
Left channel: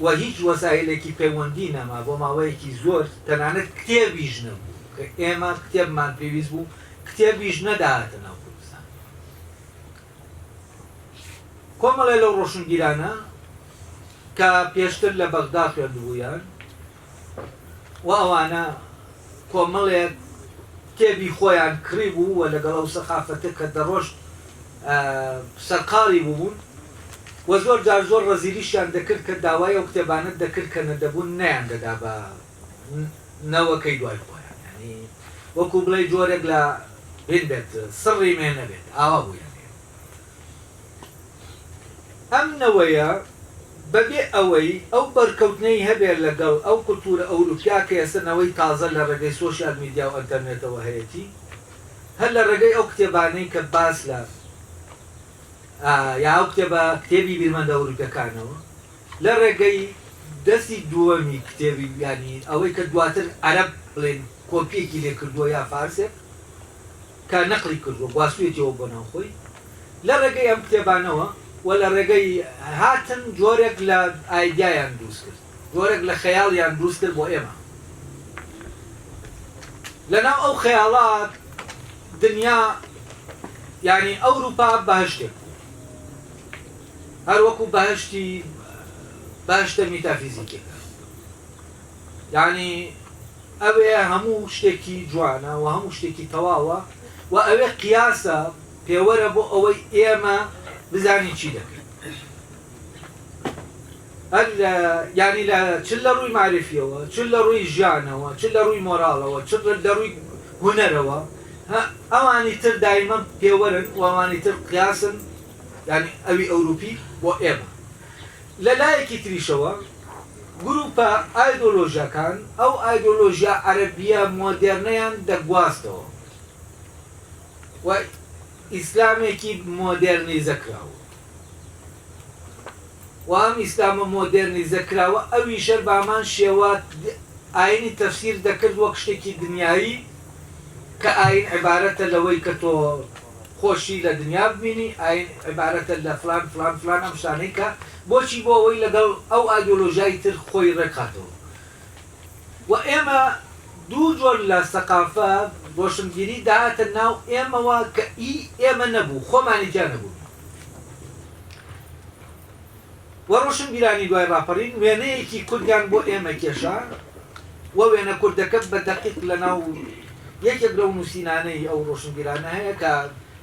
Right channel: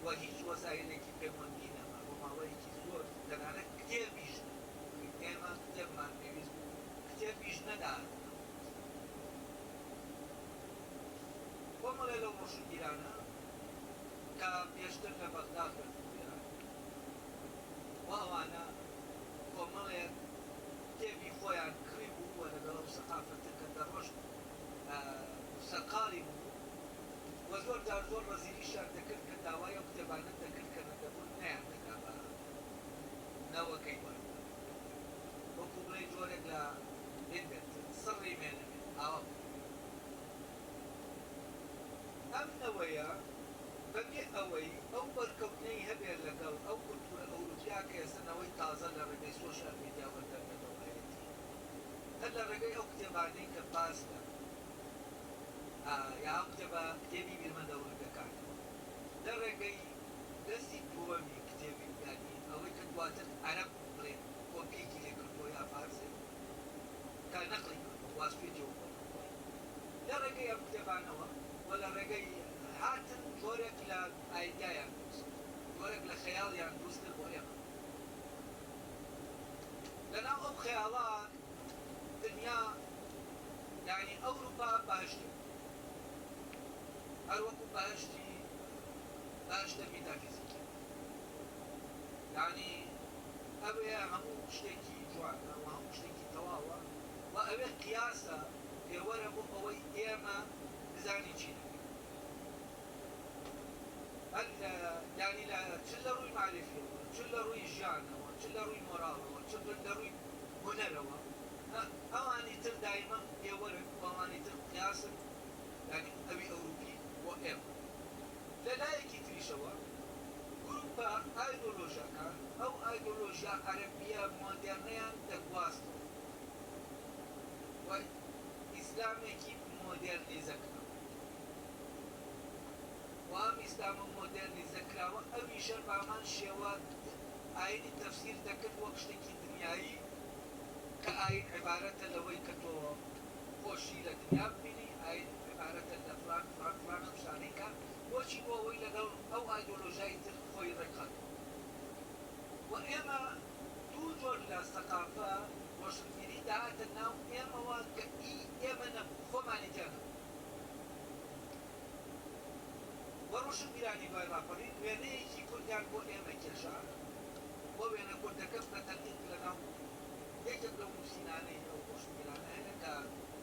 و هیچ وەسایلێکی پەیوەندی نەما بۆ ماوەیەکی زۆر تەنانەت کتێبیش نەبوو کە ئێمە کتێبمان پێویست بوو کتێبیش نەداهاتە ناو کوردستان کۆمەڵێ لەو ڕۆشنگیرانە کە پێشتر لە بەغدا خوێندبوویان و ئەوانە کۆمەڵێک کتێبی خۆیان کڕی بوو و لەگەڵ ئەو سەخافەتە کە دەڕۆشت سەرقاڵی بووبوون و زۆر جار زۆر ڕەزیلیشیان دەکرد کە داوای ئەو کتێبانت دەکرد کە نەدەبوون نیان دەدا بە نەوەکەی دوای خۆیان ینی وەکو بڵێ جۆرێک لە هێن بێت سڕی مێ نەبێت ئاوا بووی ئەم نەوەیە بەبێ ئەوەی ئەو بەرکەوتنەی هەبێت لەگەڵ ئەو کولتورە ئەوروپیا کە ئێستنەوەی تازە لە ڕێگەی سۆشیال میدیا و ئەنتەرنێتەوە هەیەی هەر لە ڕێگەی ئەو کتێبانەی کە باس لە یا ئەو کتێبی بیرمەندە ئەوروپیەکانەوە لە ڕێگەی دەستی دووەمی کتێبی ینی ئەوەی کە دواتر عەرەب بڵێن کۆپیەکی لێ کردووە یا فارسێک کە نەقلی کردووە گواستوێتەوە بۆ ناوخۆی لە ڕێگەی ئەم کتێبانەوە و لە ڕێگەی هاتن جۆرێک لە ئایدیایان دروست کرد جۆرێک لە خەیاڵیان دروست کرد بۆ ئێمە لەناو ئەو خەیاڵات دنیا ینی ئەوروپا بەهشتێک هەر وەکو بەهشتە میتافیزیکێکە ینی ئەوێ هەموو شتێکی جوانە و هەموو شتێکی تەواوە و ئەوێ قیاسە پێوەرە بۆ ئەوەی ئێمە بزانی چی دەکەین هەر ینی لە چ لە ڕووی معرفیەوە چ لە ڕووی ژیانەوە چ لە ڕووی مۆراڵەوە چ لە ڕووی هونەرەوە ئەوانی تر دایمە پێوەرن و ئەوانی تر قیاسن ینی ئەوی ئەوروپی بۆ ئێمە لە لایەکی تریشەوە گروپە ئایدۆلۆژیەکان ئەو ئایدۆلۆژیا عەرەبیە مۆدێرنەیان دەگواستەوە و ئیسلامێکی مۆدێرنیزەکراوە و ئەم ئیسلامە مۆدێرنیزەکراوە ئەویشە بامان شێوە ئاینی تەفسیر دەکرد وەک شتێکی دنیایی کە ئاین عیبارەتە لەوەی کە تۆ خۆشی لە دنیا ببینی ئاین عیبارەتە لە فلان فلان فلان ئەم شتانەی کە بۆچی بۆ ئەوەی لەگەڵ ئەو ئایدۆلۆژیای تر خۆی ڕێکخاتەوە و ئێمە دوو جۆر لە سەقافە ڕۆشنبیری داهاتە ناو ئێمەوە کە ئێمە نەبوو خۆمانی جا نەبوو و ڕۆشنبیرانی دوای ڕاپەڕین وێنەیەکی کوردیان بۆ ئێمە کێشا و وێنە کوردەکە بە دەقیق لە ناو یەکێک لەو نووسینانەی ئەو ڕۆشنبیرانە هەیە کە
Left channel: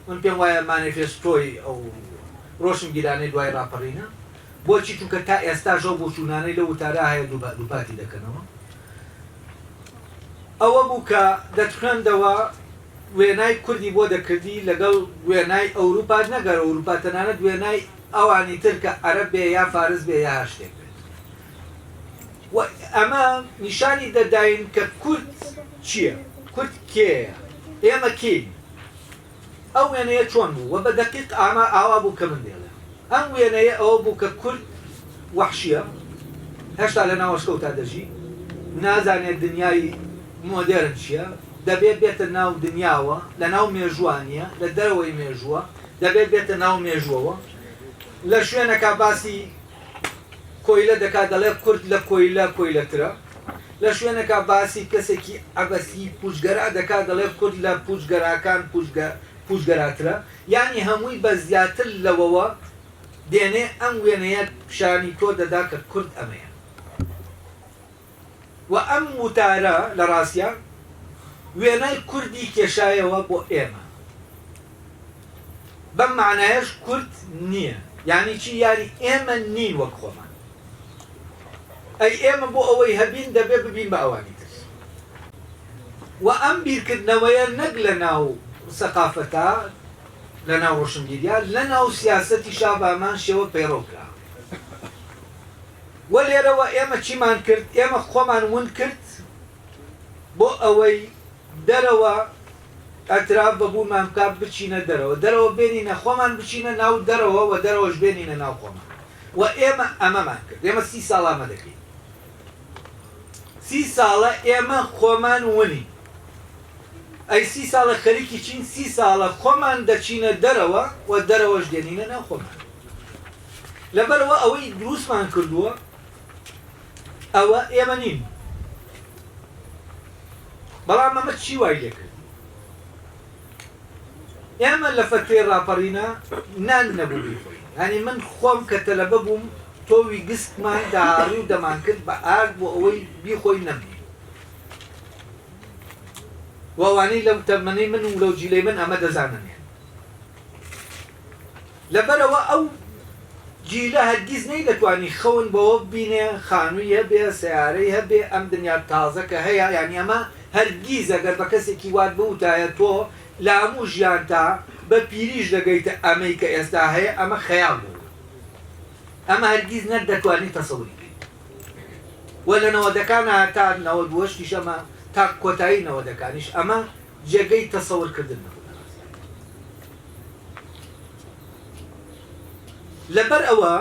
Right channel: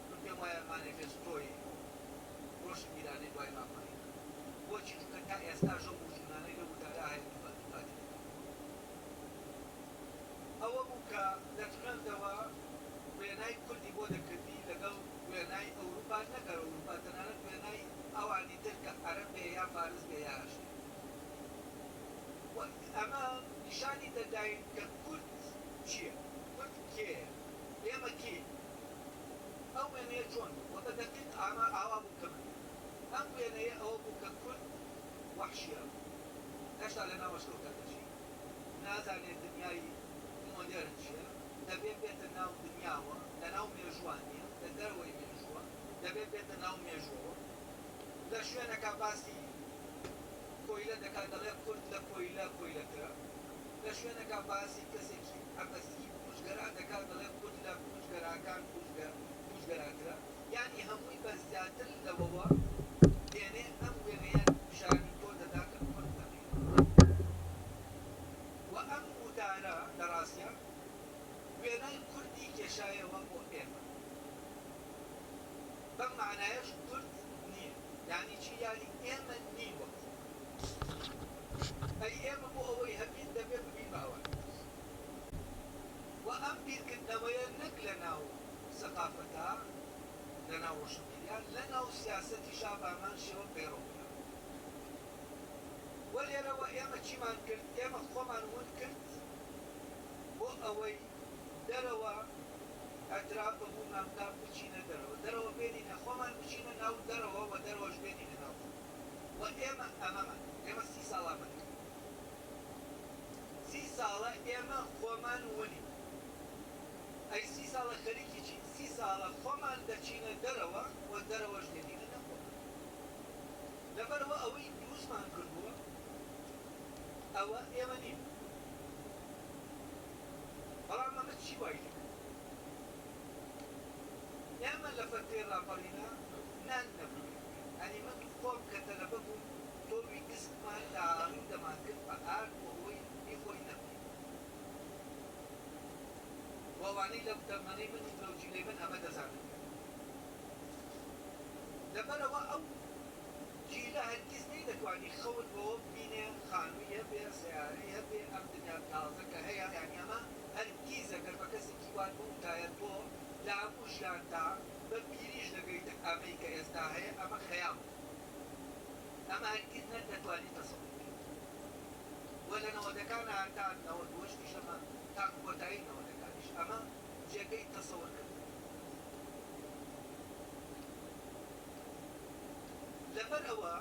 من پێم وایە مانیفێستۆی ئەو ڕۆشنبیرانەی دوای ڕاپەڕینە بۆچی چونکە تا ئێستاژ ئەو بۆچوونانەی لە وتارە هەیە دووپاتی دەکەنەوە ئەوە بوو کە دەتخوێندەوە وێنای کوردی بۆ دەکردی لەگەڵ وێنای ئەوروپا نەگەر ئەوروپا تەنانەت وێنای ئەوانی تر کە عەرەب بێ یا فارس بێ یا هەر شتێک بێت و ئەمە نیشانی دەداین کە کورد چییە؟ کورد کێیە؟ ئێمە کێین؟ ئەو وێنەیە چۆن بوو و بە دەقیق ئاوا بوو کە من دێڵێ ئەم وێنەیە ئەوە بوو کە کورد وەحشیە هێشتا لە ناوەشکەوتا دەژی نازانێت دنیای مۆدێرن چییە دەبێت بێتە ناو دنیاوە لە ناو مێژوانیە لە دەرەوەی مێژووە دەبێت بێتە ناو مێژووەوە لە شوێنەکە باسی کۆیلە دەکات دەڵێ کورد لە کۆیلەترە لە شوێنەکە باسی کەسێکی عەبەسی پوشگەرا دەکات دەڵێ کورد لە پوشگەراکان پوشگەراترە یعنی هەمووی بە زیاتر لەوەوە دێنێ ئەم وێنەیە پیشانی تۆ دەدا کە کورد ئەمەیە و ئەم وتارە لە ڕاستیە وێنەی کوردی کێشایەوە بۆ ئێمە بەم معنایەش کورد نییە یعنی چی یاری ئێمە نین وەک خۆمان ئەی ئێمە بۆ ئەوەی هەبین دەبێ ببین بە ئەوانی تر و ئەم بیرکردنەوەیە نەک لە ناو سەقافەتە لە ناو ڕۆشنبیریا لە ناو سیاسەتی شابامان شێوە پەیڕۆکرا و لێرەوە ئێمە چیمان کرد ئێمە خۆمان ون کرد بۆ ئەوەی دەرەوە ئەتراف بەبوومان بکات بچینە دەرەوە بێنینە خۆمان بچینە ناو دەرەوە و دەرەوەش بێنینە ناو خۆمان و ئێمە ئەمەمان کرد ئێمە 30 ساڵ ئەمە دەکەین 30 ساڵە ئێمە خۆمان ونی ئەی 30 ساڵە خەریکی چین 30 ساڵە خۆمان دەچینە دەرەوە و دەرەوەش دێنینە ناو خۆمان لەبەرەوە ئەوەی دروستمان کردووە ئەوە ئێمە نین بەڵام ئەمە چی وای لێ کرد ئێمە لە فەتوێ ڕاپەڕینە نان نەبوو بیخۆین ینی من خۆم کە تەلەبە بووم تۆوی گستمان داڕی و دەمان کرد بە ئارد بۆ ئەوەی بیخۆی نەبی وەوانەی لەو تەمەنەی من و لەو جیلەی من ئەمە دەزانن لەبەرەوە ئەو جیلە هەرگیز نەی دەتوانی خەون بەوە بینێ خانووی هەبێ سیارەی هەبێ ئەم دنیا تازە کە هەیە یانی ئەمە هەرگیز ئەگەر بە کەسێکی وات بوتایە تۆ لە هەموو ژیان تا بە پیریش دەگەیتە ئەمەی کە ئێستا هەیە ئەمە خەیاڵ بوو ئەمە هەرگیز نەدەتوانی تەسەووری بکەیت وە لە نەوەدەکانە تا 92 ئەمە تا کۆتایی نەوەدەکانیش ئەمە جێگەی تەسەوورکردن لەبەر ئەوە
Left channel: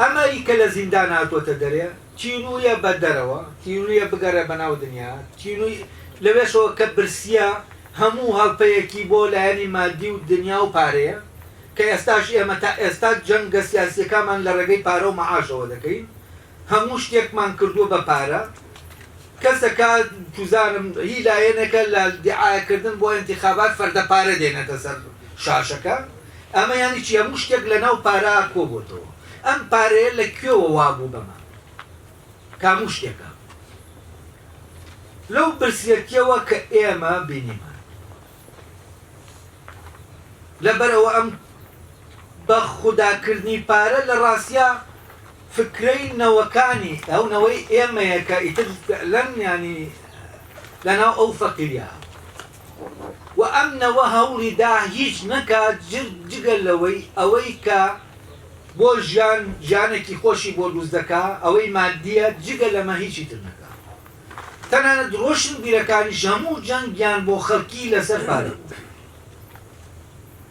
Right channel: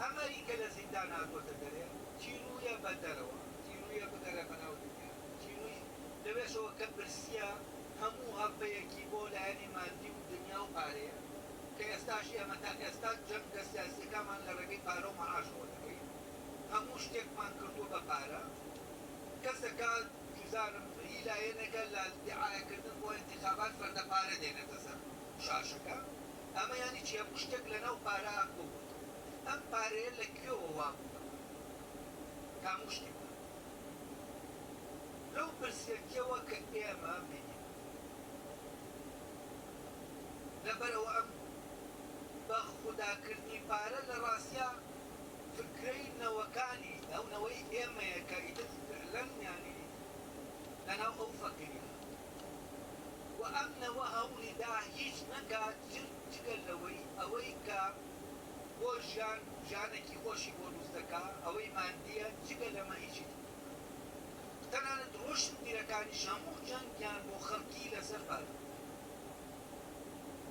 ئەمەی کە لە زیندان هاتوۆتە دەرێ چینویە بە دەرەوە تینویە بگەڕێ بەناو دنیا تینوی لەوێشەوە کە برسیە هەموو هەڵپەیەکی بۆ لایەنی مادی و دنیا و پارەیە کە ئێستاش ئێمە تا ئێستا جەنگە سیاسیەکانمان لە ڕێگەی پارە و مەعاشەوە دەکەین هەموو شتێکمان کردووە بە پارە کەسەکە توزانم هی لایەنێکە لە دیعاەکردن بۆ ئینتیخابات فەردە پارە دێنێتە سەر شاشەکە ئەمە یانی چی هەموو شتێک لە ناو پارە کۆبووتەوە ئەم پارەیە لە کوێوە وابوو بەمە کاموو شتێکە لەو برسێتیەوە کە ئێمە بینیمە لەبەرەوە ئەم بە خوداکردنی پارە لە ڕاستیا فکرەی نەوەکانی ئەو نەوەی ئێمەیە کە ئیتر لەم ینی لەناو ئەو فەقیریا و ئەم نەوە هەوڵیدا هیچ نەکات جگەل لەوەی ئەوەی کە بۆ ژیانێکی خۆشی بۆ دروست دەکا ئەوەی مادیە جگە لەمە هیچی تر نەکا تەنانەت ڕۆشن بیرەکانیش هەموو جەنگیان بۆ خەڵکی لەسەر پارە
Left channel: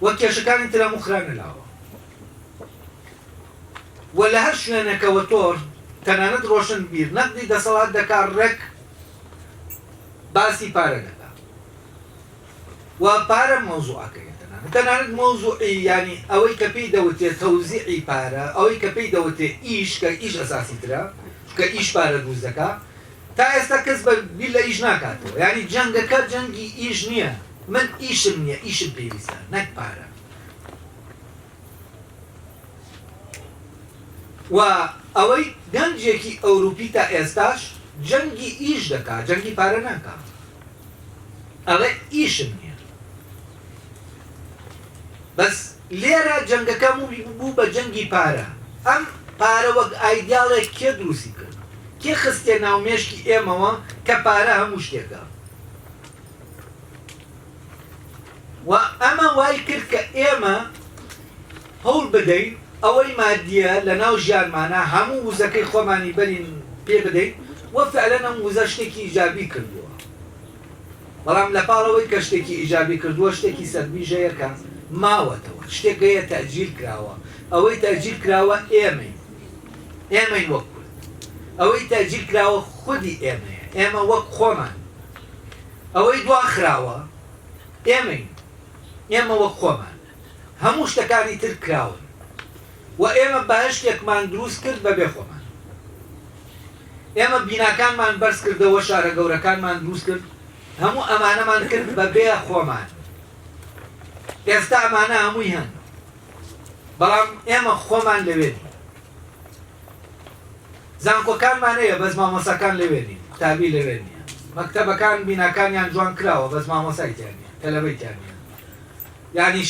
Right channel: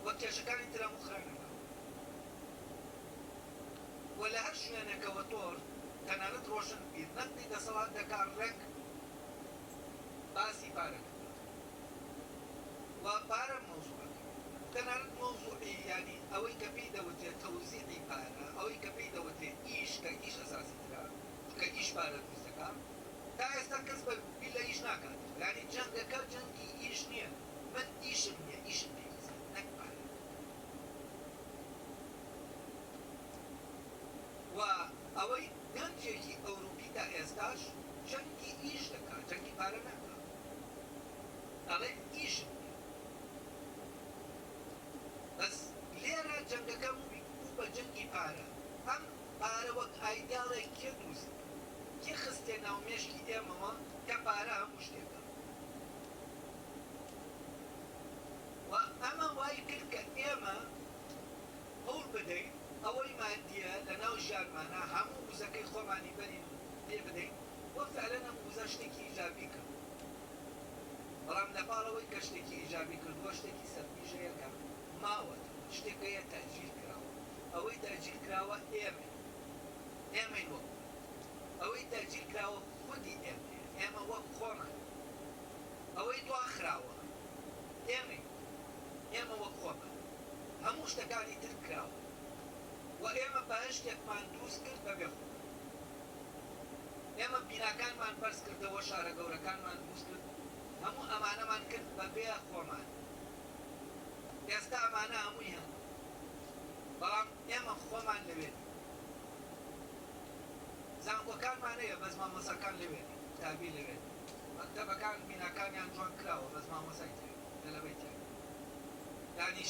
وە کێشەکانی تر هەموو خرانەلاوە و لە هەر شوێنێکەوە تۆر تەنانەت ڕۆشن بیر نەقدی دەسەڵات دەکات ڕێک باسی پارە دەکا و پارە مۆزوعەکەی تەنانەت مۆزوعی ینی ئەوەی کە پێی دەوتێت تەوزیعی پارە ئەوەی کە پێی دەوتێت ئیش کە ئیش ئەساسی ترە کە ئیش پارە دروست دەکا تا ئێستا کەس بە بیر لە ئیش ناکاتەوە ینی جەنگەکە جەنگی ئیش نییە من ئیشم نییە ئیشم پێویستە نەک پارە و ئەوەی گەنجێکی ئەوروپی تا ئێستاش جەنگی ئیش دەکات جەنگی پارە ناکات ئەڵێ ئیشم نییە بەس لێرە جەنگەکە بوو بە جەنگی پارە ئەم پارە وەک ئایدیاڵێک کێ دروستی کرد کێ خستێ ناومێشکی ئێمەوە کە پارە هەموو شتێکە و ئەمە وای کرد کە ئێمە هەوڵ بدەین ئەوەی مادیە لە ناو ژیانمانە هەموو وزەکەی خۆمانی بەرین پێ بدەین وە فعلەن ئەم وزە شتێکی ئیجابی کردووە بەڵام لە پاڵەوەی کە شتێکی ئیجابی کردووە شتێکی سەربیژەیەکە ماوەتەوە شتێکەیە تەجیل کراوە ئەوەی تەجیل کراوە ئێمەی وەک کورد ئەوەی تەجیل کراوە خودی ئێمەیە ئێمە وەک خۆمان ئەوەی دواخراوە ئێمە وەک خۆمان هەموو شتەکانی تر کراون و ئێمە بەهشتێکمان دروست کرد بەبێ خۆمان ئێمە بیناکانمان بەرز کردەوە شارە گەورەکانمان دروست کرد هەموو ئەمانەمان کرد بەبێ خۆمان ئێستا ئەمانە هەمووی هەن بەڵام ئێمە خۆمان لەوێنی زانکۆکانمان هەیە بەس مامۆساکان لەوێنی تابی لەوێ نیە مەکتەبەکان بیناکانیان جوان کراوە بەس مامۆسایتیان نیە تەلەبەیتیان نیە یعنی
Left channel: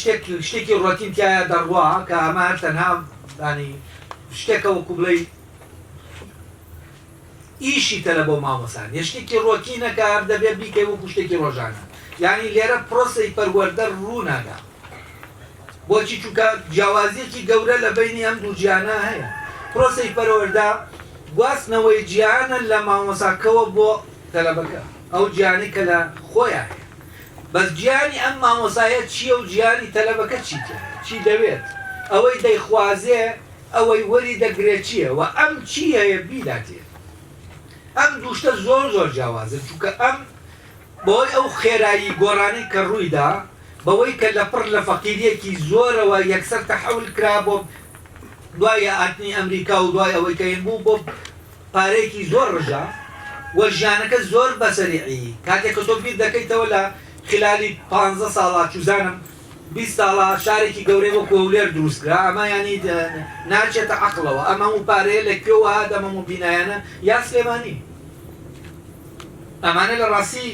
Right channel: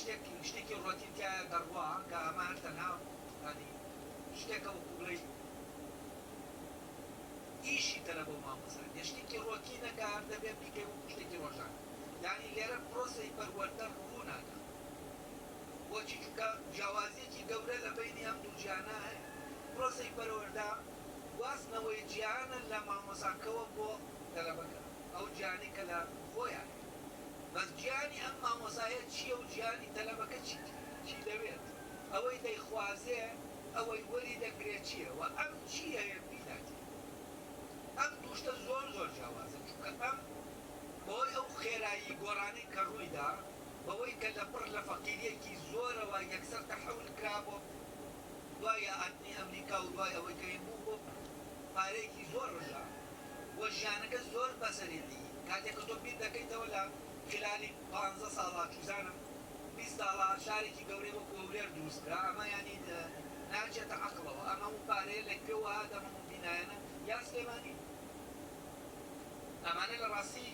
شتێکی ڕۆتین تایە دەڕوا کە ئەمە هەر تەنها ینی شتێکە وەکو بڵێ ئیشی تەلە بۆ مامۆسان شتێکی ڕۆتینەکە هەر دەبێت بیکەی وەکو شتێکی ڕۆژانە یعنی لێرە پرۆسەی پەروەردە ڕوو نادا بۆچی چونکە جیاوازیەکی گەورە لە بینی ئەم دوو گیانە هەیە پرۆسەی پەروەردە گواستنەوەی گیانە لە مامۆساکەوە بۆ تەلەبەکە ئەو گیانی کە لە خۆیان بەس گیانی ئەم مامۆسایە چییە و گیانی تەلەبەکە چی دەوێت ئەوەی دەیخوازێ ئەوەی وەری دەگرێت چییە و ئەم چی هەیە بیداتێ ئەم دووشتە زۆر جیاوازن چونکە ئەم بۆی ئەو خێرایی گۆڕانی کە ڕوویدا بەوەی کە لەپڕ لە فەقیریەکی زۆرەوە یەکسەر تەحەول کرا بۆ دوای ئاتنی ئەمریکا و دوای ئەوەی کە بوو بۆ پارەیەکی زۆر ڕژا وە ژیانەکە زۆر بەسەریعی کاتێک کە تۆ بیر دەکەیتەوە لە خلالی 15 ساڵە چوزانم 20 ساڵە شارێکی گەورەی وەکو هەولێر دروستکرا ئەمە ینی ناچێتە عەقڵەوە ئەمە و پارەیە لە کوێوە هات ئەمە و بینایانە یا سلێمانی ئەمانە لە ڕاستی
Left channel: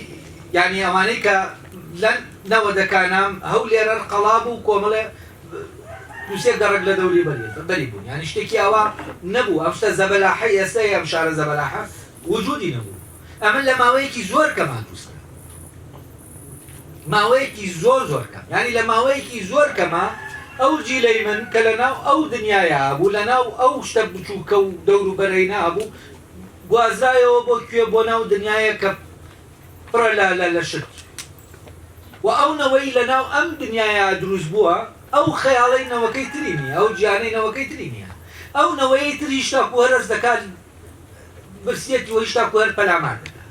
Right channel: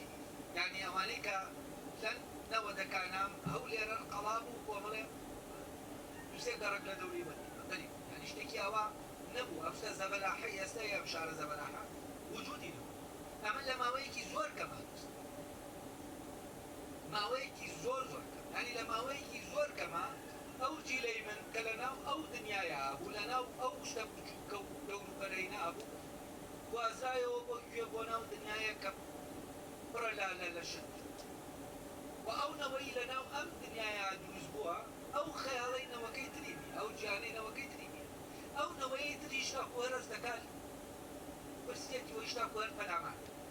یعنی ئەوانەی کە لەن نەوەدەکانام هەولێرە قەڵاب و کۆمەڵێ دووسێ گەڕک لە دەوری بەری بوون یانی شتێکی ئەوە نەبوو ئەم شتە زەبەلاحی ئێستا ئەم شارە زەبەلاحە وجودی نەبوو ئەمن لە ماوەیەکی زۆر کەمان دروستکرا ماوەیەکی زۆر کەم ینی لە ماوەیەکی زۆر کەمە ئەو جیلەی من کە لە ناو ئەو دنیاە بوو لە ناو ئەو شتە بچووکە و دەور و بەرەی نابوو گوازرایەوە بۆ کوێ بۆ ناو دنیاە کە پڕە لە شت و ئەو نەوەی لە ناو ئەم دنیاە دروست بووە ئەو خەیاڵی نەوەکەی تری نیە ئەو گیانەی نەوەکەی تری نییە ئەو نەوەی تری شتا وەرز دەکات برسێتی وە شتا وەر پەلامان دەکات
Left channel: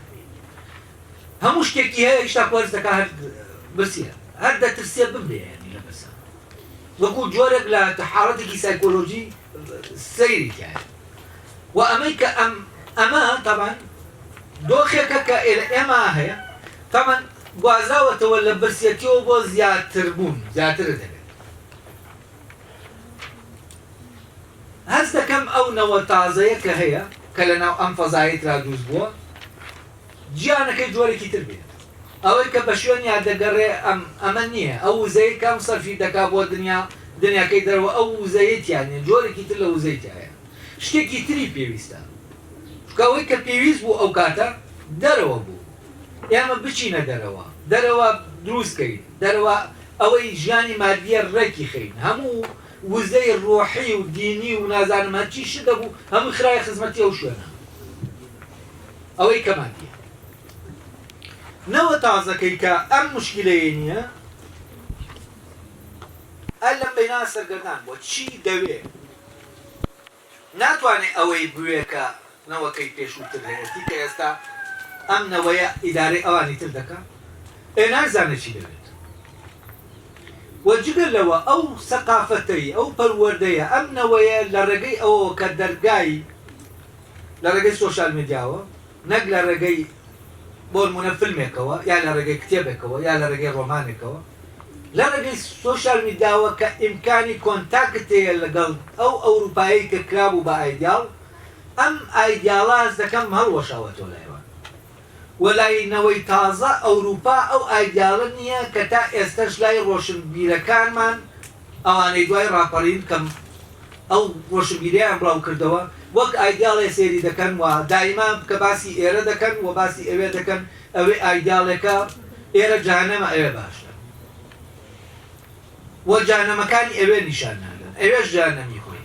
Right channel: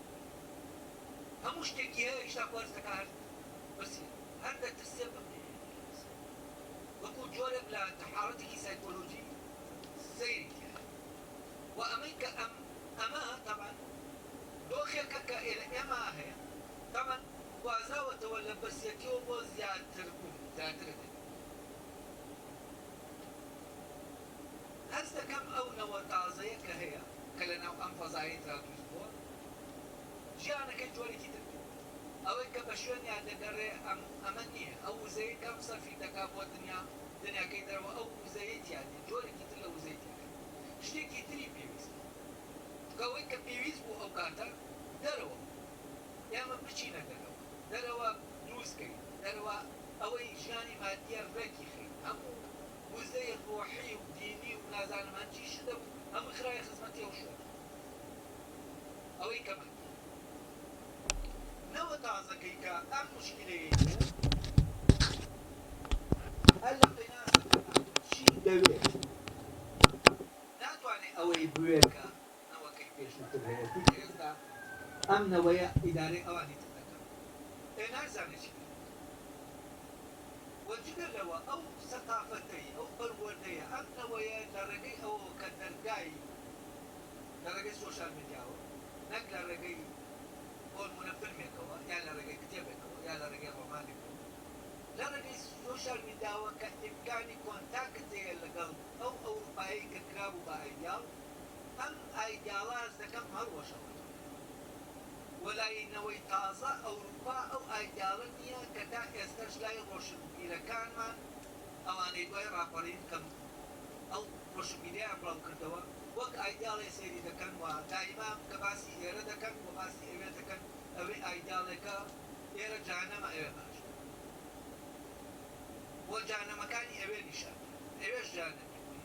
هەموو شتێکی هەیە شتا وەرز دەکات هەر برسیە هەر دەترسێ ببێ لە بەسە وەکو جۆرێک لە حاڵەتێکی سایکۆلۆژی سەیری کرد و ئەمەی کە ئەمە طبعا دۆخێکە کە ئێمە هەیە طبعا گوازراوەتەوە لە برسێتیەوە بۆ زیاتر بوون زیاتر دەبێت هەست دەکەم ئەو نەوە تازەیە کە هەیە کە لە ناو ئەم فەزایەترا دروست بووە گیانەکەی جۆرێکی تر بێت ئەوەی کە بە شوێنیان دەگەڕێ ئەمە نییە ئەو وزەیە کەم سەرفی دەکا بۆ دنیاکەی دەرەوە ئەو وزەیەتیان نیە جۆرێکی تر لە وزەیتایە شتێکی تری پێویستە ئەوەی کە پێویست بوو ئەو کاتە دەرەوە بوو ئێمە بچینە دەرەوە دروستکەین دەرەوە ئەوەی ژیانی مادیە ڕێکی خەین هەموو وزەی ڕۆحی و دینی و نازانمە چی شت دەبوو هەموو خرای خزمەتی ئەو شوێنە ئەوەی کەماتیە نەوە تازەکەی کە ئەم مشکلەیە نییە ئەل لەم بەینا سەرگەردان بۆ چی دەوێت ناتوانێت ئەوەی بوێ کە نەوەکەی پێشووتر هەیەتی کە ئێستا ئەم نەوەیە ئیدارەی ئەوانی تر دەکات نازانێت چی دەوێت وەجگە لەوە ئەو سەقافەتەی ئەو پەروەردەیە ئەم نەوەیە لە ڕێگەی ئەوە کە دەرگای لە ڕێگەی سۆشال میدیاوە نەک لە ڕێگەی بۆ نمونە فیلمێکەوە یا لە ڕێگەی کتێبێکەوە یا لە ڕێگەی ڕۆمانێکەوە لە ڕێگەی سۆشال میدیاوە کە ئیمکانی کۆنتاکت هەیە لەگەڵ ئەو ئەوروپایی کە کرابوو بە ئایدیاڵ ئەم ئایدیاڵاز دەکەم هەڵوەشاوەتەوە لایوان وەلاینەوەی تازە ئەوروپا ئەو ئایدیاڵە نییە کە تا ئێستش لای ڕۆشنبیرەکانمان ئەوانەی دوای ڕاپەڕین کەم ئەو ڕۆشنبیریان بڵاو کردەوە وەک ئایدیاڵێ سێری دەکەن و دایما کە باسی ئێرە دەکەن و باسی ئەوێ دەکەن ئەوێ ئایدیاڵێکە ئێرە جانەمە ئەوێ باشە و جانەمەکانی ئەوێ نیشان نادەن ئەوێش جانەمی خۆی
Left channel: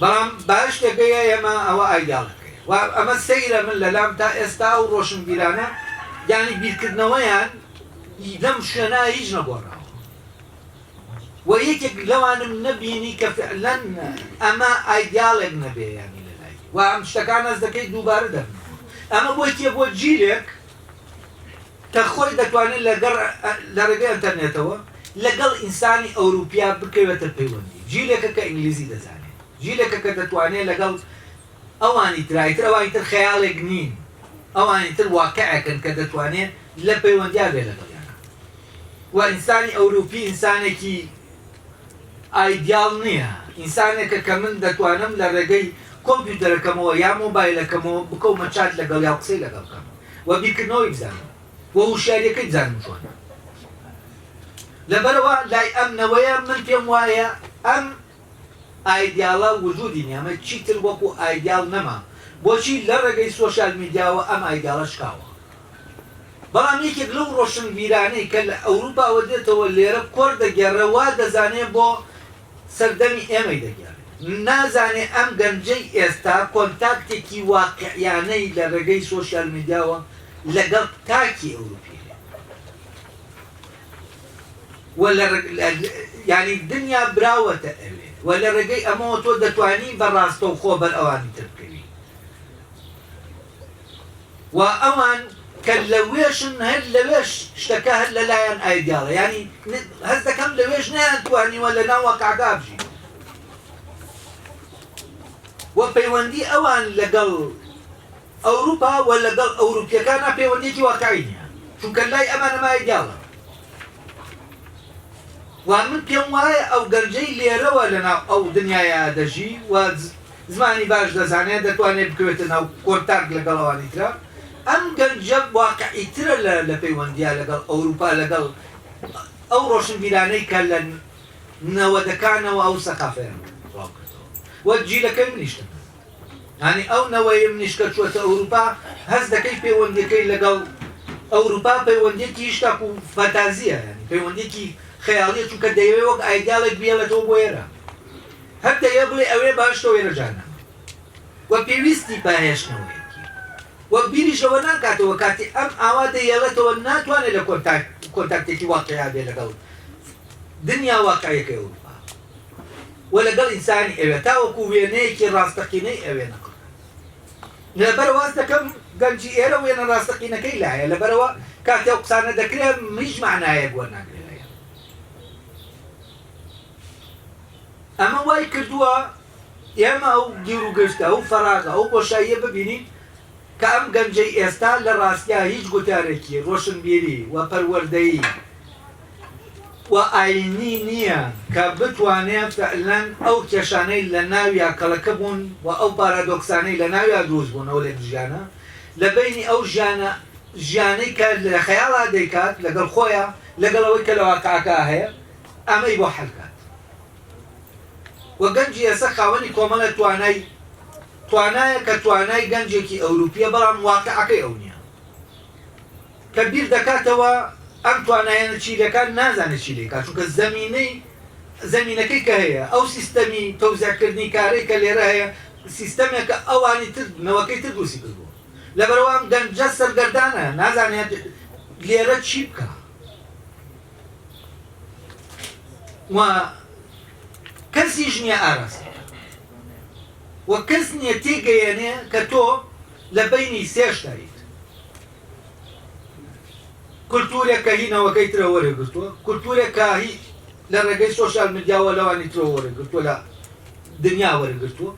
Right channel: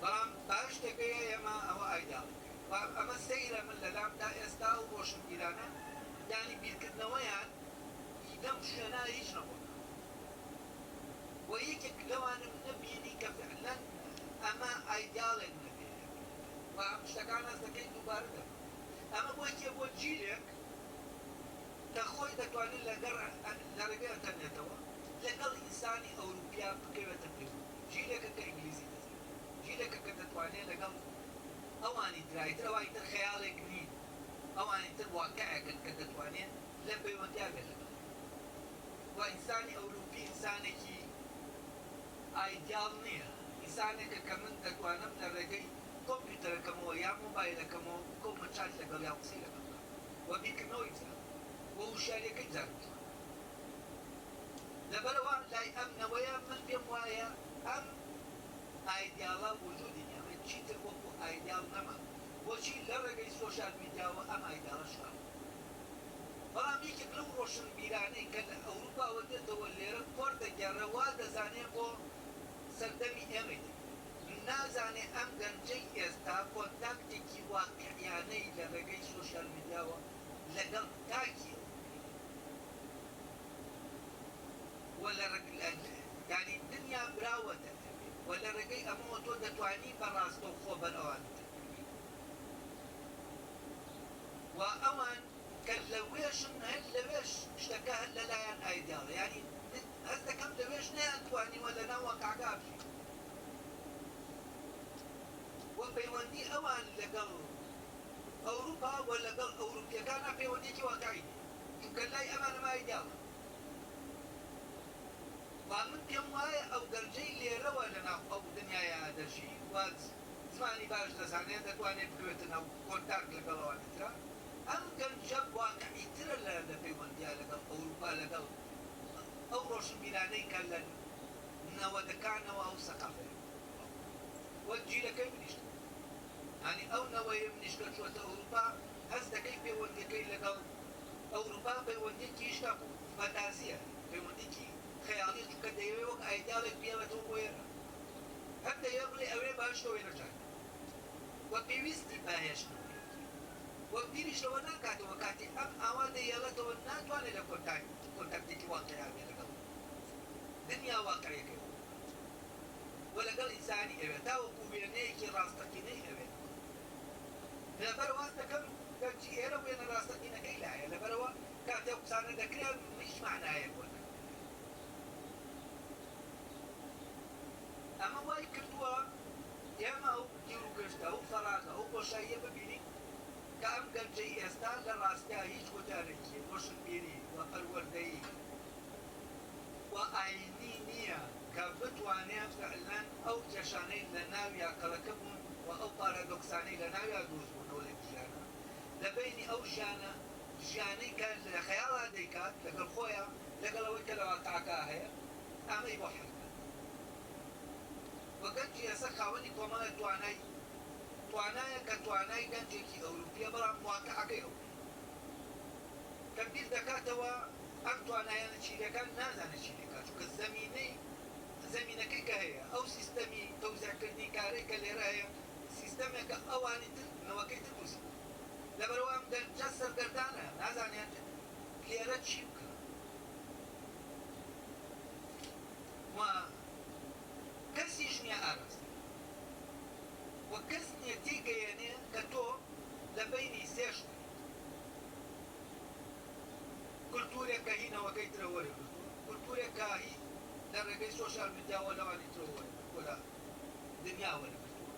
بەڵام باش دەگەیە ئێمە ئەوە ئایدیاڵەکەی و ئەمە سەیرە من لەلام تا ئێستا و ڕۆشنبیرانە یانی بیرکردنەوەیان لەم شوێنە هیچ نەگۆڕاوە و یەکێک لەوانم نەبینی کە فعلەن ئەمە ئایدیاڵێک نەبێ یانی لەلای و ئەم شتەکان ئەس دەکەی دووبارە دەبن ئەمە بۆ جیلێک کە خۆی دەتوانێت لە ڕێگەی ئینتەرنێتەوە لەگەڵ ئینسانی ئەوروپیا بکەوێتە پەیوەندی جیلێکە کە ئینگلیزی دەزانێت جیلێکە کە دەتوانێت لەگەڵ ئەوانی ترایتر ئەوانی تر خەیاڵێک نین ئەوانی تر واقعەکەن کە دەتوانێت لە پەیوەندیا بێ لەگەڵیان و ئینسانی ئەوروپی ئینسانێکی ئایدیاڵ نییە ئینسانێکە کە من دەتوانم لە ڕێگەی کۆمپیوتەرەکەمەوە یا مۆبایلەکەمەوە بکەومە چات لەگەڵ یا قسەی لەگەڵ بکەم و بیرکردنەوەی بزانم و وشارەکەی بزانم چۆنە لەبەرەوە لای ئەم نەوەیە من پێم وایە ئەم ئایدیاڵە وجودی نیە ئەمە چیتر وەکو ئایدیاڵ نەما بۆچی لە ڕێگەی سۆشال میدیاوە ئەم ئایدیاڵە شکاوە بەڵام یەکێک لەو ڕۆشنبیرانەی کە لە ئەوروپاوە دێتەوە لێرە کۆر دەگەڕەوە دەزانێت بۆ سەردەمی ئێمەی دەگەڕێت نازانێ ئەم گەنجەی ئێستا کۆنتاکتێکی واقعیانەی لە ڕێگەی سۆشال میدیاوە لەگەڵ تاکی ئەوروپی ینی دنیا براوەتە ئەوێ و لە ڕێگەی ئەمەوە تۆ دەتوانی بەڕاستە و خۆ بەر ئەوانی تر بکەوی و ئەوان کە لەوێشن هەر لەوێش شتەکە هەر لەلایەن ئایدیاڵە ینی هەست دەکەم لەوێش نەیانتوانیوە لە ناو واقعدا بژین و پەیوەندی ئەوان لەگەڵ ئەوروپا و لەگەڵ ئەوروپیەکانە پەیوەندێکی واقعی نییە چونکە لای ئەمانەمە ئایدیاڵە و من پێم وایە ئەو گەنجەی لێرەوە لەناو ئەو دنیاە دەژی و زمانی باش دەزانێت دەتوانێت بکەوێتە ناو کۆنتاکت لەگەڵ ئەوانی ترە ئەم گەنجە واقعیترە لە پەیوەندیە لەگەڵ ئەوروپا لەگەڵ ئەو ڕۆشنبیرانەی کە لە نەوە دەکانەوە ئەو سەقافەیان ڕاوکردەوە وە جیلەکەی منیشتن ینی ئەو نەوەی منیشکە چوەتە ئەوروپا هەست دەکەی پەیوەندیەکەی لەگەڵ ئەوروپا پەیوەندێکی شتاک و فەتازیە ینی پەیوەندێکی خەیاڵیە چونکە دەیەوێت وەک ئایدیاڵێک بێڵێتەوە بۆ ئێرە هەر دەیە بڵێ ئەوێ باشتەوە ئێرە جانە وە پێویستی پاهێشتنەوەیەکی وەک بیریشەوە ناکاتەوە کاتی ئەم ئاوا دەیەڵێتەوە ناتوانێت لە کۆنتاکتێکی واقعیا بێ لەگەڵ دنیا واقعیەکەی ئەوروپا وە لەگەڵ ئینسانی ئەوێ تاوەکو وێنەیەکی ڕاستەقینەی ئەوێ نەکە لەبەرەوە واز دەکەم گەنجی ئێرە وێنە ڕاستەقینەکەی لایە لەبەرەوە کاتی ئەو قسانە دەکرێت هیچ معنایەک وەرناگرێت لەیە ئەمە وای کردووە ئێمە ئەو گیر و گشتە ئەو فەراغە ئەو بۆشاییە ببینین کە ئەم گەنجەی ئێستا لە ڕاستیا هیچ گوتارێکی ڕۆشنبیری و پەروەردەیی و ئاینی نییە کە بتوانێت فعلەن ئەو کێشانەی لە ناویا کەڵەکە بوون و ئەو پارادۆکسانەی لە ناویا دروست بوون ئەو لێ ژیانە لە بینی ئەو ژیانەی کە لە خەیاڵا دەیکات لەگەڵ خۆیان لەگەڵەوەی کە لە واقعەکە هەیە ئەمەی بۆ حەلکات وە گەنجی ئێستا خاوەنی کۆمەڵە توانایە کە توانای گەنجێکی ئەوروپیە بەڵام واقعەکەی ئەو نییە کە بیر دەکاتەوە ئەم توانایەنە چیلەکان نازانێت چی لێکات چونکە زەمینەکەی کە هەیە ئەو سیستەمی تەوزیعکردنی کارەی کە لێرە هەیە سیستەمێکە ئەوانی تر نەوەکەی تر دروستی کردبوو لەبەرەوە ئەم گەنجە سەرگەردانە نازانێت لێرە چی بکە و کەسیش نییە ئاراستە وە کەس نییە تێگەیەنێ کە تۆ لە بینی سێشتایت کولتورێک کە هینەوەکەی ترە وەرەگرتووە کولتورێک کە هی لە ڕێگەی سۆشیال میدیاوە لەوانی ترە وەرەگرتووە لە دنیا وەرەگرتووە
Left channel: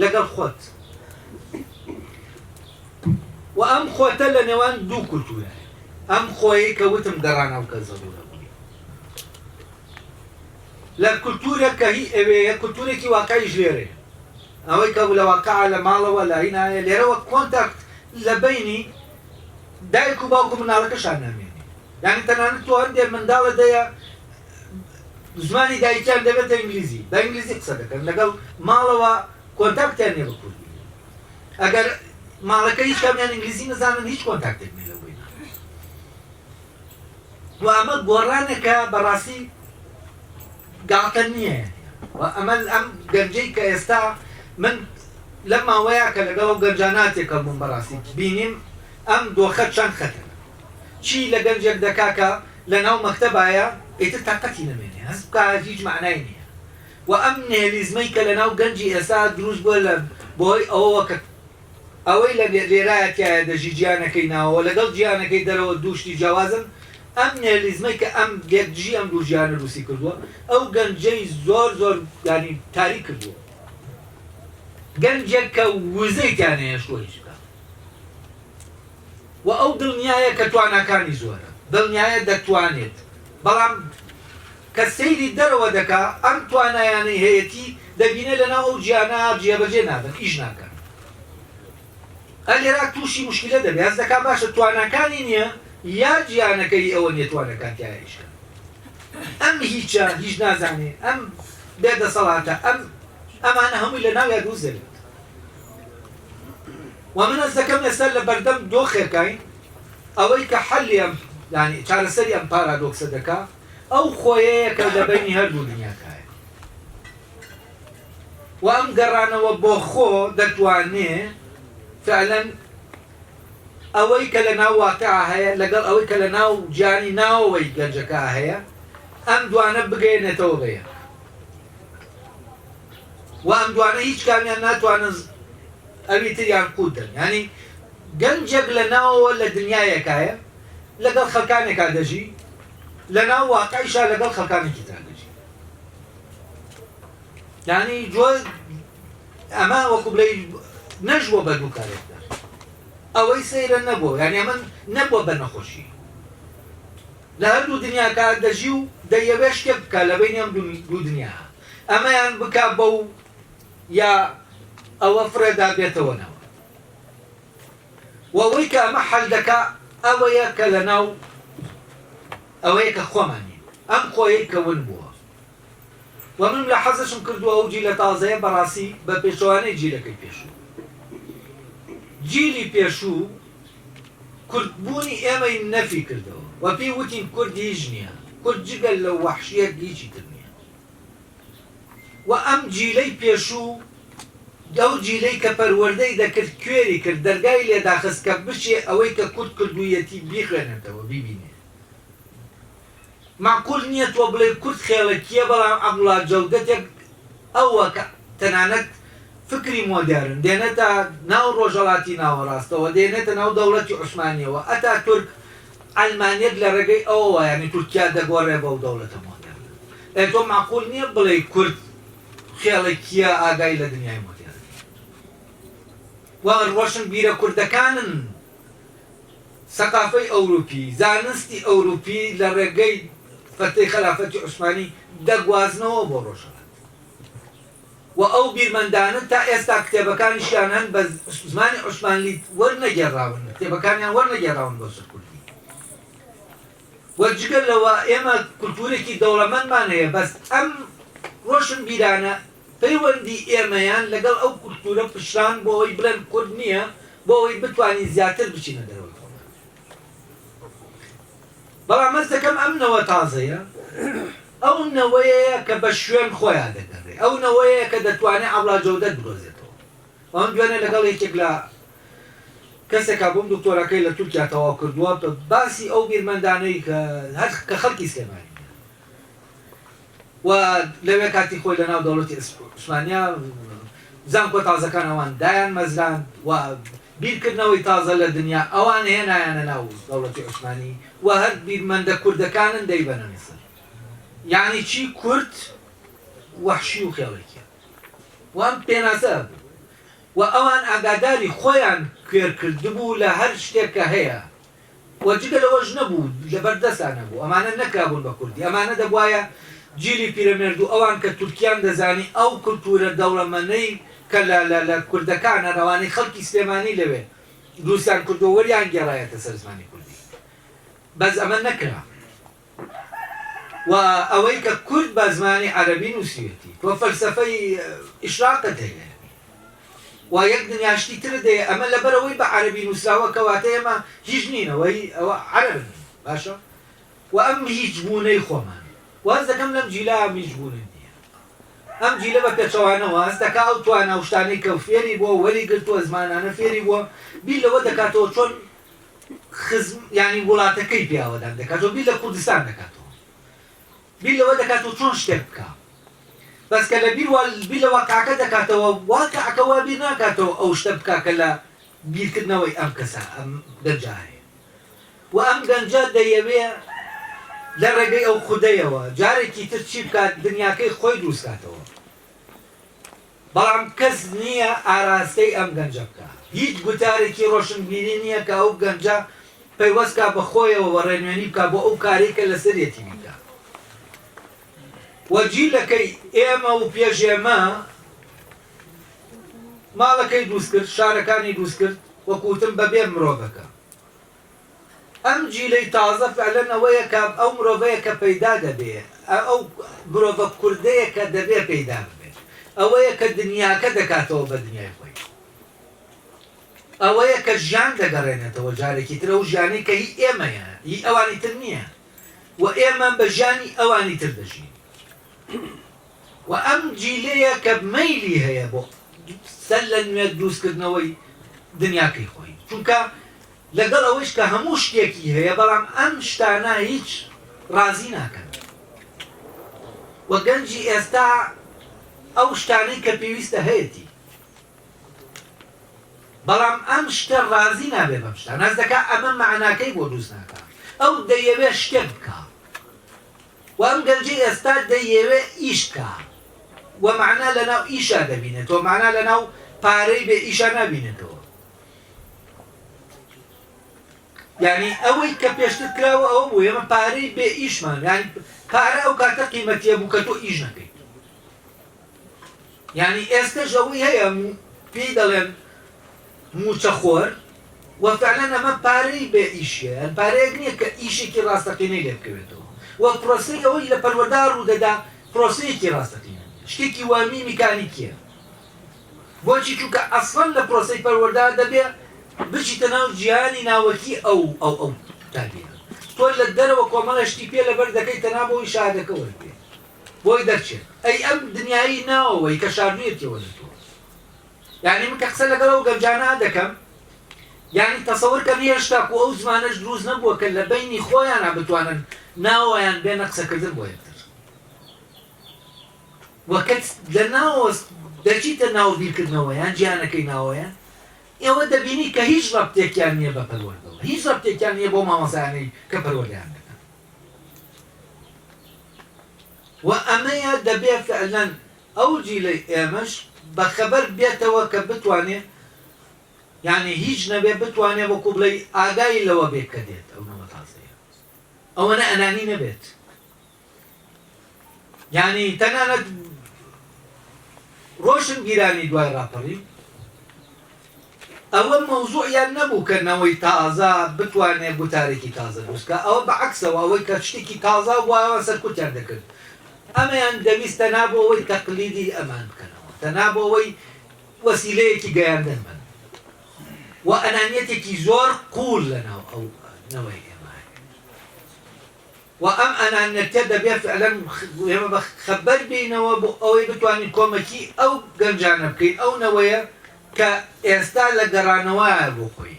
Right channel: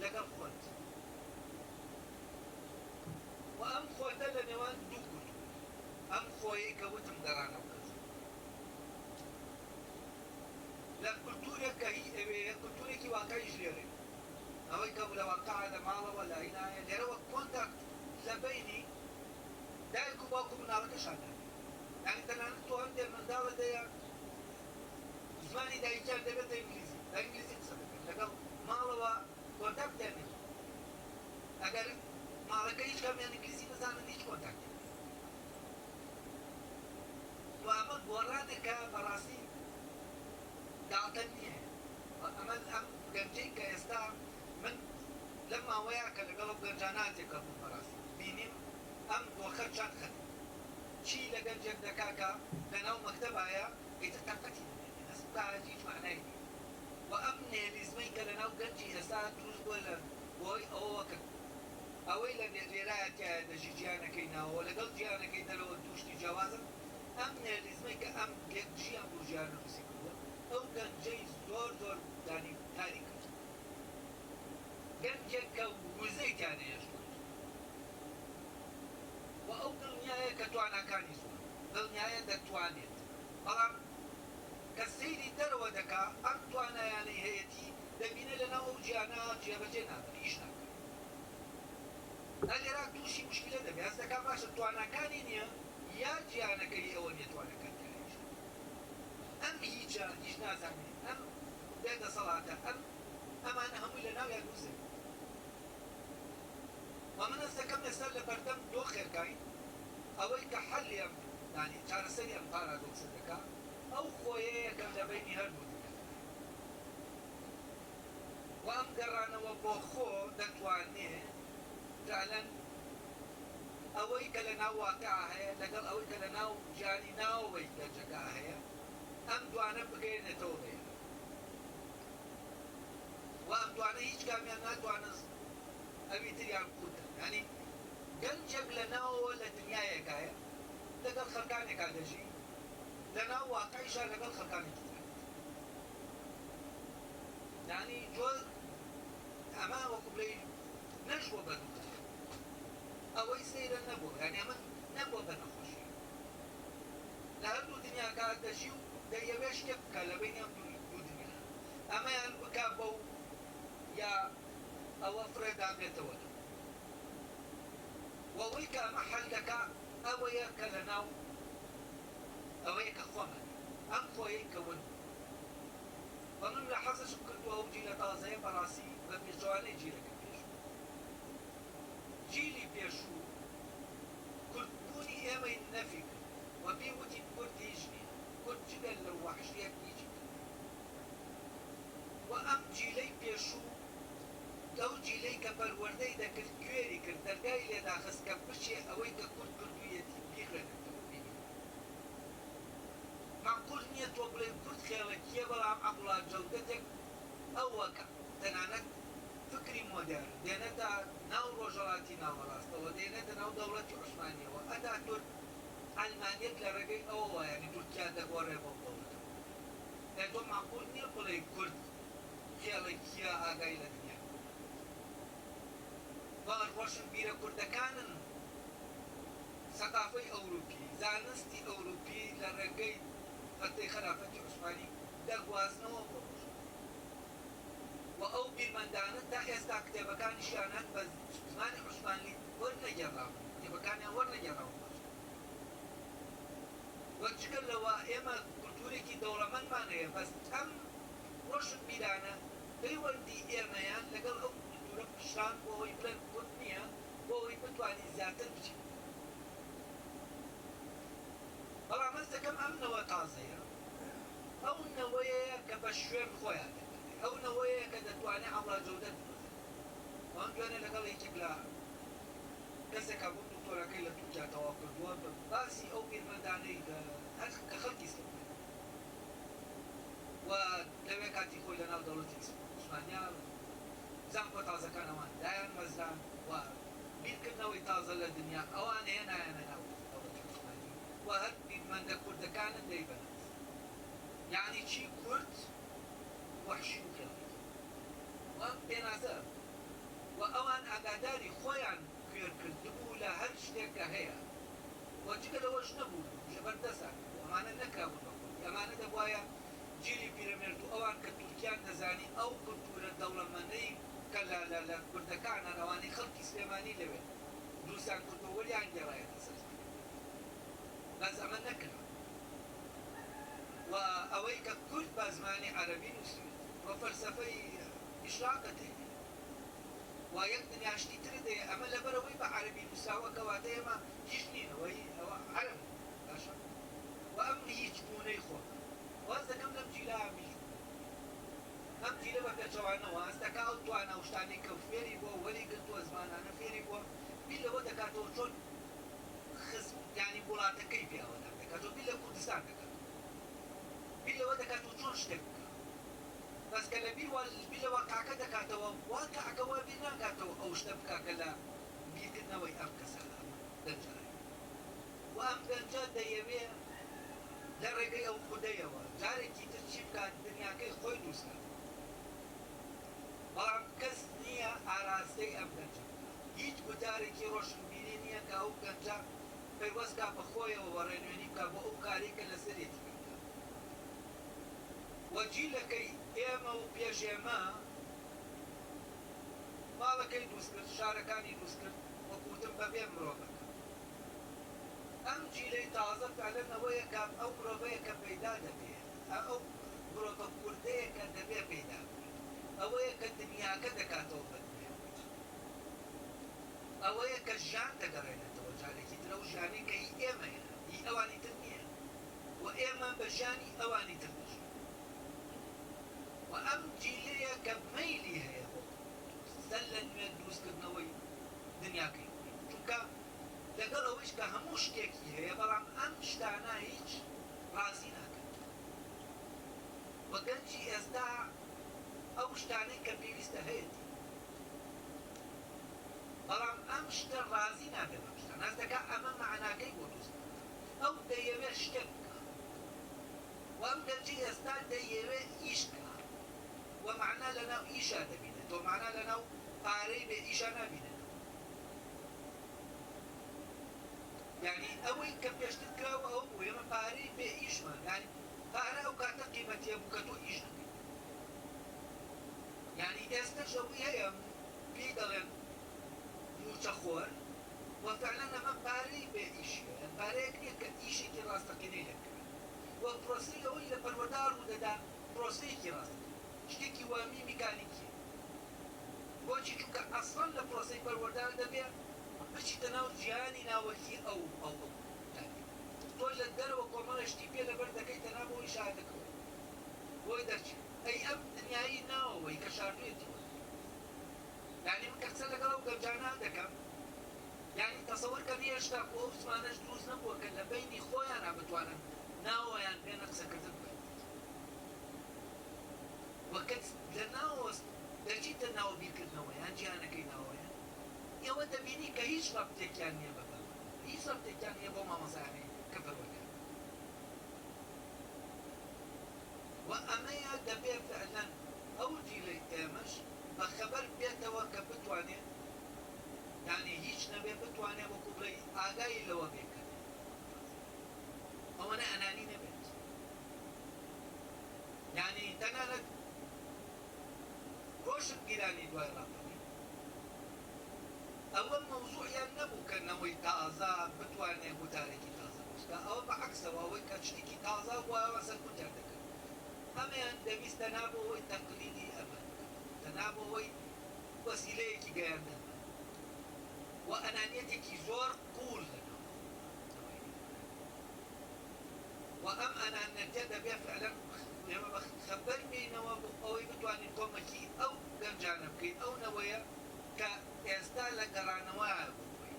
لەگەڵ خۆت و ئەم خۆتە لە نێوان دوو کولتورە ئەم خۆی کە وتم گەڕانەوە کە زەڕورە لە کولتورێک کە هی ئەوەیە کولتورێکی واقعیش لێرێ ئەوەی کە لە واقعە لە ماڵەوە لە هینایە لێرەوە کۆنتاکت لە بینی دایک و باوکو مناڵەکەشان نامێنی یعنی تەنانەت تۆ هەندێک منداڵە دەیە زمانی دایکیان دەبێتە ئینگلیزی بە ئینگلیزی قسە دەکەن لەگەڵ ماڵەوە کۆنتاکتیان نێ بە کوردی ئەگەر ماڵەکە هیچ کامیان ئینگلیزی نەزانن هیچ کۆنتاکتێک نێ لەوەی و ئەمە گۆڕانێکە بەڕاستی گاڵتە نییە ئەمە ئەم گەنجەی کە ئێستا من لەم ماوەیە کە لەگەڵ ئەو گەنجاناتێکە بووم بەڕاستی بینیم ئەم دۆخە چەند خەتە چی لە گەنجێک دەکاکە لە ناو مەکتەبایە ئیتر تاقەتی نەمێنێ هەست بکە هیچ معنای نییە و ئەم نێلیزمەی کە لە ناو گەنجی ئێستا دروست بووە لە بۆی ئەوەوە کە ئەوەی لە لێرایەتیایە دەژی گیانەکەی ناوەوە لەگەڵ گیانەکەی دەرەوە دووشتی جیاوازن ئەم نێلیزمەی کە ئەم یەکجی ئەم دوو ژیانە رووسی کردووە ئەو گەنجەی زۆر ینی تاری کردووە گەنجێک کە وزەیتیان هەیە شۆیش بکە و ئەو دڵنیایە کە تواناکانی زۆرە دڵنیایە دەتوانێت بەڵام کە سەیری دەرەوە دەکا ئەم توانایانەی هەیەی دەبینێت لەناو ئەو گیانە جێبەجێ نابن ئیش ناکەن ئەلێرا تووشی مشکلە دەبێت هەست دەکا باشە تواناکانی نییە یا گیانەکەی ئەوە نیە توانەکانتیایشە ئەم هیچە هیچ نازانێ ئەم بێدەسەڵاتە ئەمانە هەمووی لە ناویا دووزێت و من ئەس دەکەم ئێستا لە بەردەم دۆخێکین ئەوەی کە حەلی ئەم ینی چارەسەری ئەم پارادۆکسە دەکا ئەو خۆیەیە کە لە بینی هەردوو دنیاکایە و ئەم گەڕانەوە بۆ خۆ دەتوانێت فعلەن ئەوەی کە لە ناو واقعە هەیە لەگەڵ ئەوەی کە لە ناو گیانی ناوەوەی گەنجەکە هەیە ئەم دوانە بگەێنێتەوە بەیە و ئەم دوانە هیچ کامیان ناتوانن ئەوی تریان قوتن ینی گەنجێک لە ناوەوە لە دنیایەکایە لەگەڵ خەڵکانێکا دەژی لە ناو واقعیشا لەگەڵ خەڵکانێکی تر دەژی ینی جۆ ئەمە وەکو بڵێ نەژووە بە دوو کارێک ئەوەی سەیرە نەبووە یعنی ئەمە نەبووە بە نەخۆشی لە هەردوو دنیاکە دەژی و دەیەوێ شتێک بکە لە بینی ئەم دوو دنیا ئەمەیان بکە بەو یا ئەوە فرێدا بێتەوەنەوە و ئەوەی کە ئەمە حەل دەکا ئەوەیە کە لە ناو ئەوەیە کە خۆمانی ئەم خۆیەی کە ون بووە ومن لە حەزشم کردووە ئەو جیلە تازەیە بەڕاستی بە پێشەوانەی جیلەکەی پێشوو جیلی پێشوو کوردبوونی ئێمەی نەفی کردەوە و پێی وتین کورد هیچ نییە کورد جگەل لە وەحشیەت هیچی تر نییە و ئەم جیلەی پێشوو ئەو جیلەی کە پەروەردەی دەکرد کوێری کرد دەرگای لێداخست کە بچێ ئەوەی کە کورد کردوویەتی بیخوێنێتەوە بیبینێ معقول نییە تۆ بڵێ کورد خێڵەکیە بەڵام عەبدوڵڵا جەودەتێک ئەوە کە تەنانەت فکری مۆدێرن دێنێتە ناو ڕۆژهەڵاتی ناوەڕاستەوە دێنێتە ناو دەوڵەتی عوسمانیەوە ئەتا تورک ئەلمانیەت لە ڕێگەی ئەوەوە یعنی تورکیا دەگۆڕێ بەو دەوڵەتە مۆدێر تۆ معقول نییە بڵێ کورد خێڵێکیە ئاگای لە دنیای مۆدێر وەڵ ڕۆشن بیرە کوردەکانن سەقافەی ئەوروپی زانستی ئەوروپی لە ڕێگەی فەتەی خەلافەتی عوسمانی دەگوازنەوە بۆ ڕۆژهەڵات و ئەو بیرمەندانە تا ئێستا کتێبەکانیشیان هەن بە زمانی عوسمانی وەرنەگێڕاون کتێبەکانیان وەرنەگێڕاون بۆ سەر کوردی وەرجگەل لەوە ئێمە کولتورێکی دەوڵەمەندمان هەیە بەس ئەم ڕۆشن بیرانە پەیوەندی ئێمەیان لەگەڵ ئەو کولتورە پشتان بۆ ئەوەی بڵێن کورد نییە بۆ ئەوەی بتوانین زیاتر بچینە دەرەوە بەڵام مەز دەکەم ئەم نەوە تازەیە ئەو نەوەیە کە بە شوێن خۆیان دەگەڕێ ئەو نەوەیە کە دەتوانێت عەبدوڵڵا جەودەت بدۆزێتەوە ئەم دوێنێ لەگەڵ یەکێک لە کەسێکا بۆم دکتۆرەکەی لە تورکیا تەواو کردووە باسی ئەو بیرمەندانەی کە خەڵکی سلێمانی و لەوێ کاتی خۆی لە ناو دەوڵەتی عوسمانیا زانکۆ تازەکان ئەوان دایان مەزران و بیرکردنەوەی تازە لە دنیا ئەوان هێنایانە ناو دەوڵەتی عوسمانی و هەر بیرمەندە کوردەکانن دەیبەنە میسر یعنی چی کورد وەحشی و خێڵێکیە وان پێناسە بوو و ئەوان ئاگاداری خۆیان کوێرکردبوو لە هەر شتێک کە هەیە و جگە لەوەش نەبوو لەبەردەستان نەبوو ئەمانە نەکرابوون بە کوردی ئەمانە دەبوایە جیلی پیرەمێرد و ئەوان کە تورکیان دەزانی ئەو کولتورە دەوڵەمەندەی کە لە کوردەکانە ڕەوانەی خەڵکی سلێمانی لەوێ دروستیان کردووە وەریان گێڕایەتە سەر زمانی کوردی بەس ئەمە نەکرا و ئەوەی کە کورد بە زمانی عەرەبی نووسیوێتی تۆ فەلسەفەی ئیشراقت هەیە و یەک دنیاشتی تر دەیە ئەمە لەبەرەوەی بە عەرەبی نووسراوە کەواتە ئێمە هیچ نینەوەی ئەوە عەرەب باشە و ئەم هیچ بوونەی خۆمان واز دەکەم لەم جیلا هیچ بوونە نییە ئەم جیلە بە پێچەوانەوە هەست دەکا ئەو توانە و شتانەی کە فێری بووە وەری گرتووە زمانانە فێری بووە بیر لەوە دەکاتەوە چۆن ینی وڵاتەکەی پیاوەدان دەکاتەوە بیر لە کوردستان دەکاتەوە بیر لەوە دەکاتەوە چۆن شتێک بکە بەس کە لە بیر لە واقعەکە دەکاتەوە واقعەکە وا بیر ناکاتەوە ئەو شتە بکا کە لە بیرکردنەوەی ئەم کەسە ئەم گەنجە هەیە و ئەم گەنجە دەیەوێ لە ڕێگەی ئەو خودەیەوە جارێکی تر چی بکات دنیاکەی خۆی دروستکاتەوە بەڵام کەس نییە ئاراستەی ئەم گەنجە بکە هیچ گوتارێکی ڕۆشنبیری نییە کە ئەو گەنجە پەیوەستکا بە خۆیەوە وەڕێنوێنی بکە بۆ ئەو کارێکە لەسەرێتی بیکە وەجیلەکەی ئێمە و پێشێمە ماڵەکەی دروست کرد شارەکانی دروست کرد وەکوتم بەبێ مرۆڤەکە ئەم جیلەی تازە فعلەن ئەوەیە کە ئەو مرۆڤەیە کە پەیدا دەبێت ئەو مرۆڤە کوردەیە کە دەبێ پەیدا ببێت ئەوەیە کە دنیاکە دەکاتەوە بە دنیای خۆی ئەوەیە کە ژیان دەگەڕێنێتەوە جارێکی تر ئەو ژیانەی کە هی ئێمەیە هی ئەوانی تر نییە و ئێمە بە ژیانی ئەوانی تر دەژین و ئەم جیلەیە کە مەیلی هەیە بۆ سەر لە نوێ دروستکردنەوەی دنیاکەی خۆی چونکە لەگەڵ ئەوەش کە هەموو شتێکی هەیە بەڵام ئەم شتانە هیچ ڕازی ناکەن و گەنجی ئێستا ئەو شتانەی کە پێویستە هەیەی بەڵام ئەم شتە ڕازی نابێ بەم شتە ناز دەکا ئەمە معناکەی بۆ دروست ناکە ئەو دەیەوێ شتێک بکە و ئەم گەنجی ئێستا دەیەوێ ئیش بکە و معنا لەناو ئیشا دەبینێتەوە معنا لەناو پارەی بێ ئیشا نابینێتەوە یعنی ئەوەی کە پێشتر کراوە ئەوە بوو ئێمە پارەی بێ ئیشمان یعنی پارە ئەو کاتە قیمەتیە بوو کە تۆ ئیش نەکەیت یعنی ئێستاش ئەوەی هەیە پێی دەڵێن موچەخۆر و فعلەن ئەمە پارەی بێ ئیشیە پارەیەک نییە کە ئیشێکی ڕاستەقینەی لێ بکەوێتەوە و پرۆسەی ئەوەی لە پەروەردە ڕوودەدا پرۆسەیەکی ڕاستەقینە شتێکی وامی میکانیکیە بۆچی چونکە ئەسڵەن لە پرۆسەی پەروەردە دەبێ بچیتە ناو جیهانی ناوەکی ئەو تابێنە تۆ لە دەرەوە کۆمەڵە شتی پێ لەبەر دەکەیتە ناو بۆی شادەکە وەربێ بۆی دەرچێت ئەی ئەم دنیایی ناوەوەی کە شاردوێتەوە لە تۆ یعنی من کە قسە لەگەڵەوە گەمجانە دەکەم یعنی تەسەوڕکە هێشتا و ئەو زمانەش دروست نەبووە کە لە بینی خۆیانە بتوانن ناوەیان بێنە قسەکردن بۆ یەکتر وەکەت لە ناوە دەچیتە ناو بیرکردنەوە یان گیانەکەی ناوەیان ئێوە دەبینی کە هیچ ڕەبتێکیان نییە بە پەروەردەوە هیچ ڕەبتێکیان نییە بۆ مامۆسایانەی کە پەروەردەیان دەکەن و ئەمەیە دەبێت فعلەن ئەو جیلەی ئێمەش بەخەبەر بێتەوە کە بتوانێت یعنی هیچ نەبێ بتوانێت وەکو بڵێ ئاگای لەوە بێت کە دێت ئەو نەوە تازەیە ئەوەنە ئەنانی نەبێت یعنی تەنانەت ڕۆشن گیرانی دوای ڕاپەڕی ئەوە مەوزوعیان نەبوو کە نەوەی تازە بتوانێت گوتارێکی تازە دروستکە ئەوە بەعەکسەوە ئەوەی کە شتێکی تازە بووە سەرکوتیان دەکرد ئەمەیان دەویستە نابۆ ئەوەی تەقلیدی ئەمان بکەنەوە تەنابۆ ئەوەی وەسیلەیەکی گەیاندن من و ئەنانیەتێکی زۆر قوڵ لەناو ئەو نەوەی ئێمە و ئەم ئەنانەتە دەبێت فعلەن ئێمە بە خەبەر بینەوە بۆ ئەوەی بتوانین کۆمەکی ئەو گەنجانە بکەین ئەو نەوەیە کە ئێستا لە گەڕانەوەیە بۆ خۆی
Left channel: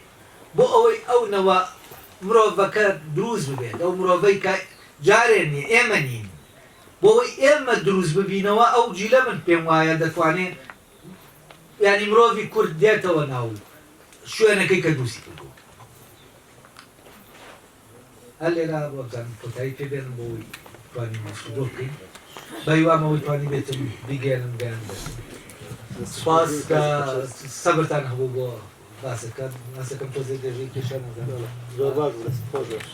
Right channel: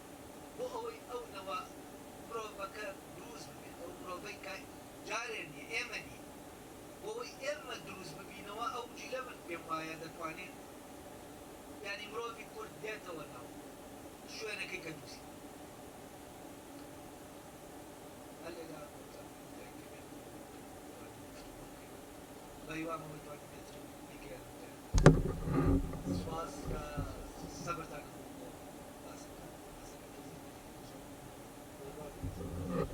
بۆ ئەوەی ئەو نەوە مرۆڤەکە دروست ببێت ئەو مرۆڤەی کە جارێن نیە ئێمە نین بۆ ئەوەی ئێمە دروست ببینەوە ئەو جیلە من پێم وایە دەتوانێت یعنی مرۆڤی کورد دێتەوە ناو شوێنەکەی کە دروستی کردو هەر لێرا بۆ بزانم کۆتایی پێ بێنم بۆ ئەوەی توانین مەسودۆ بکەین بەیوامەوەی توانی بێتم بیگەێنم گەیان سپاس کە سەبرتان هەبوو بۆ باسەکەم تۆزێ دێژەی کێشە نەزانەوە زۆر باش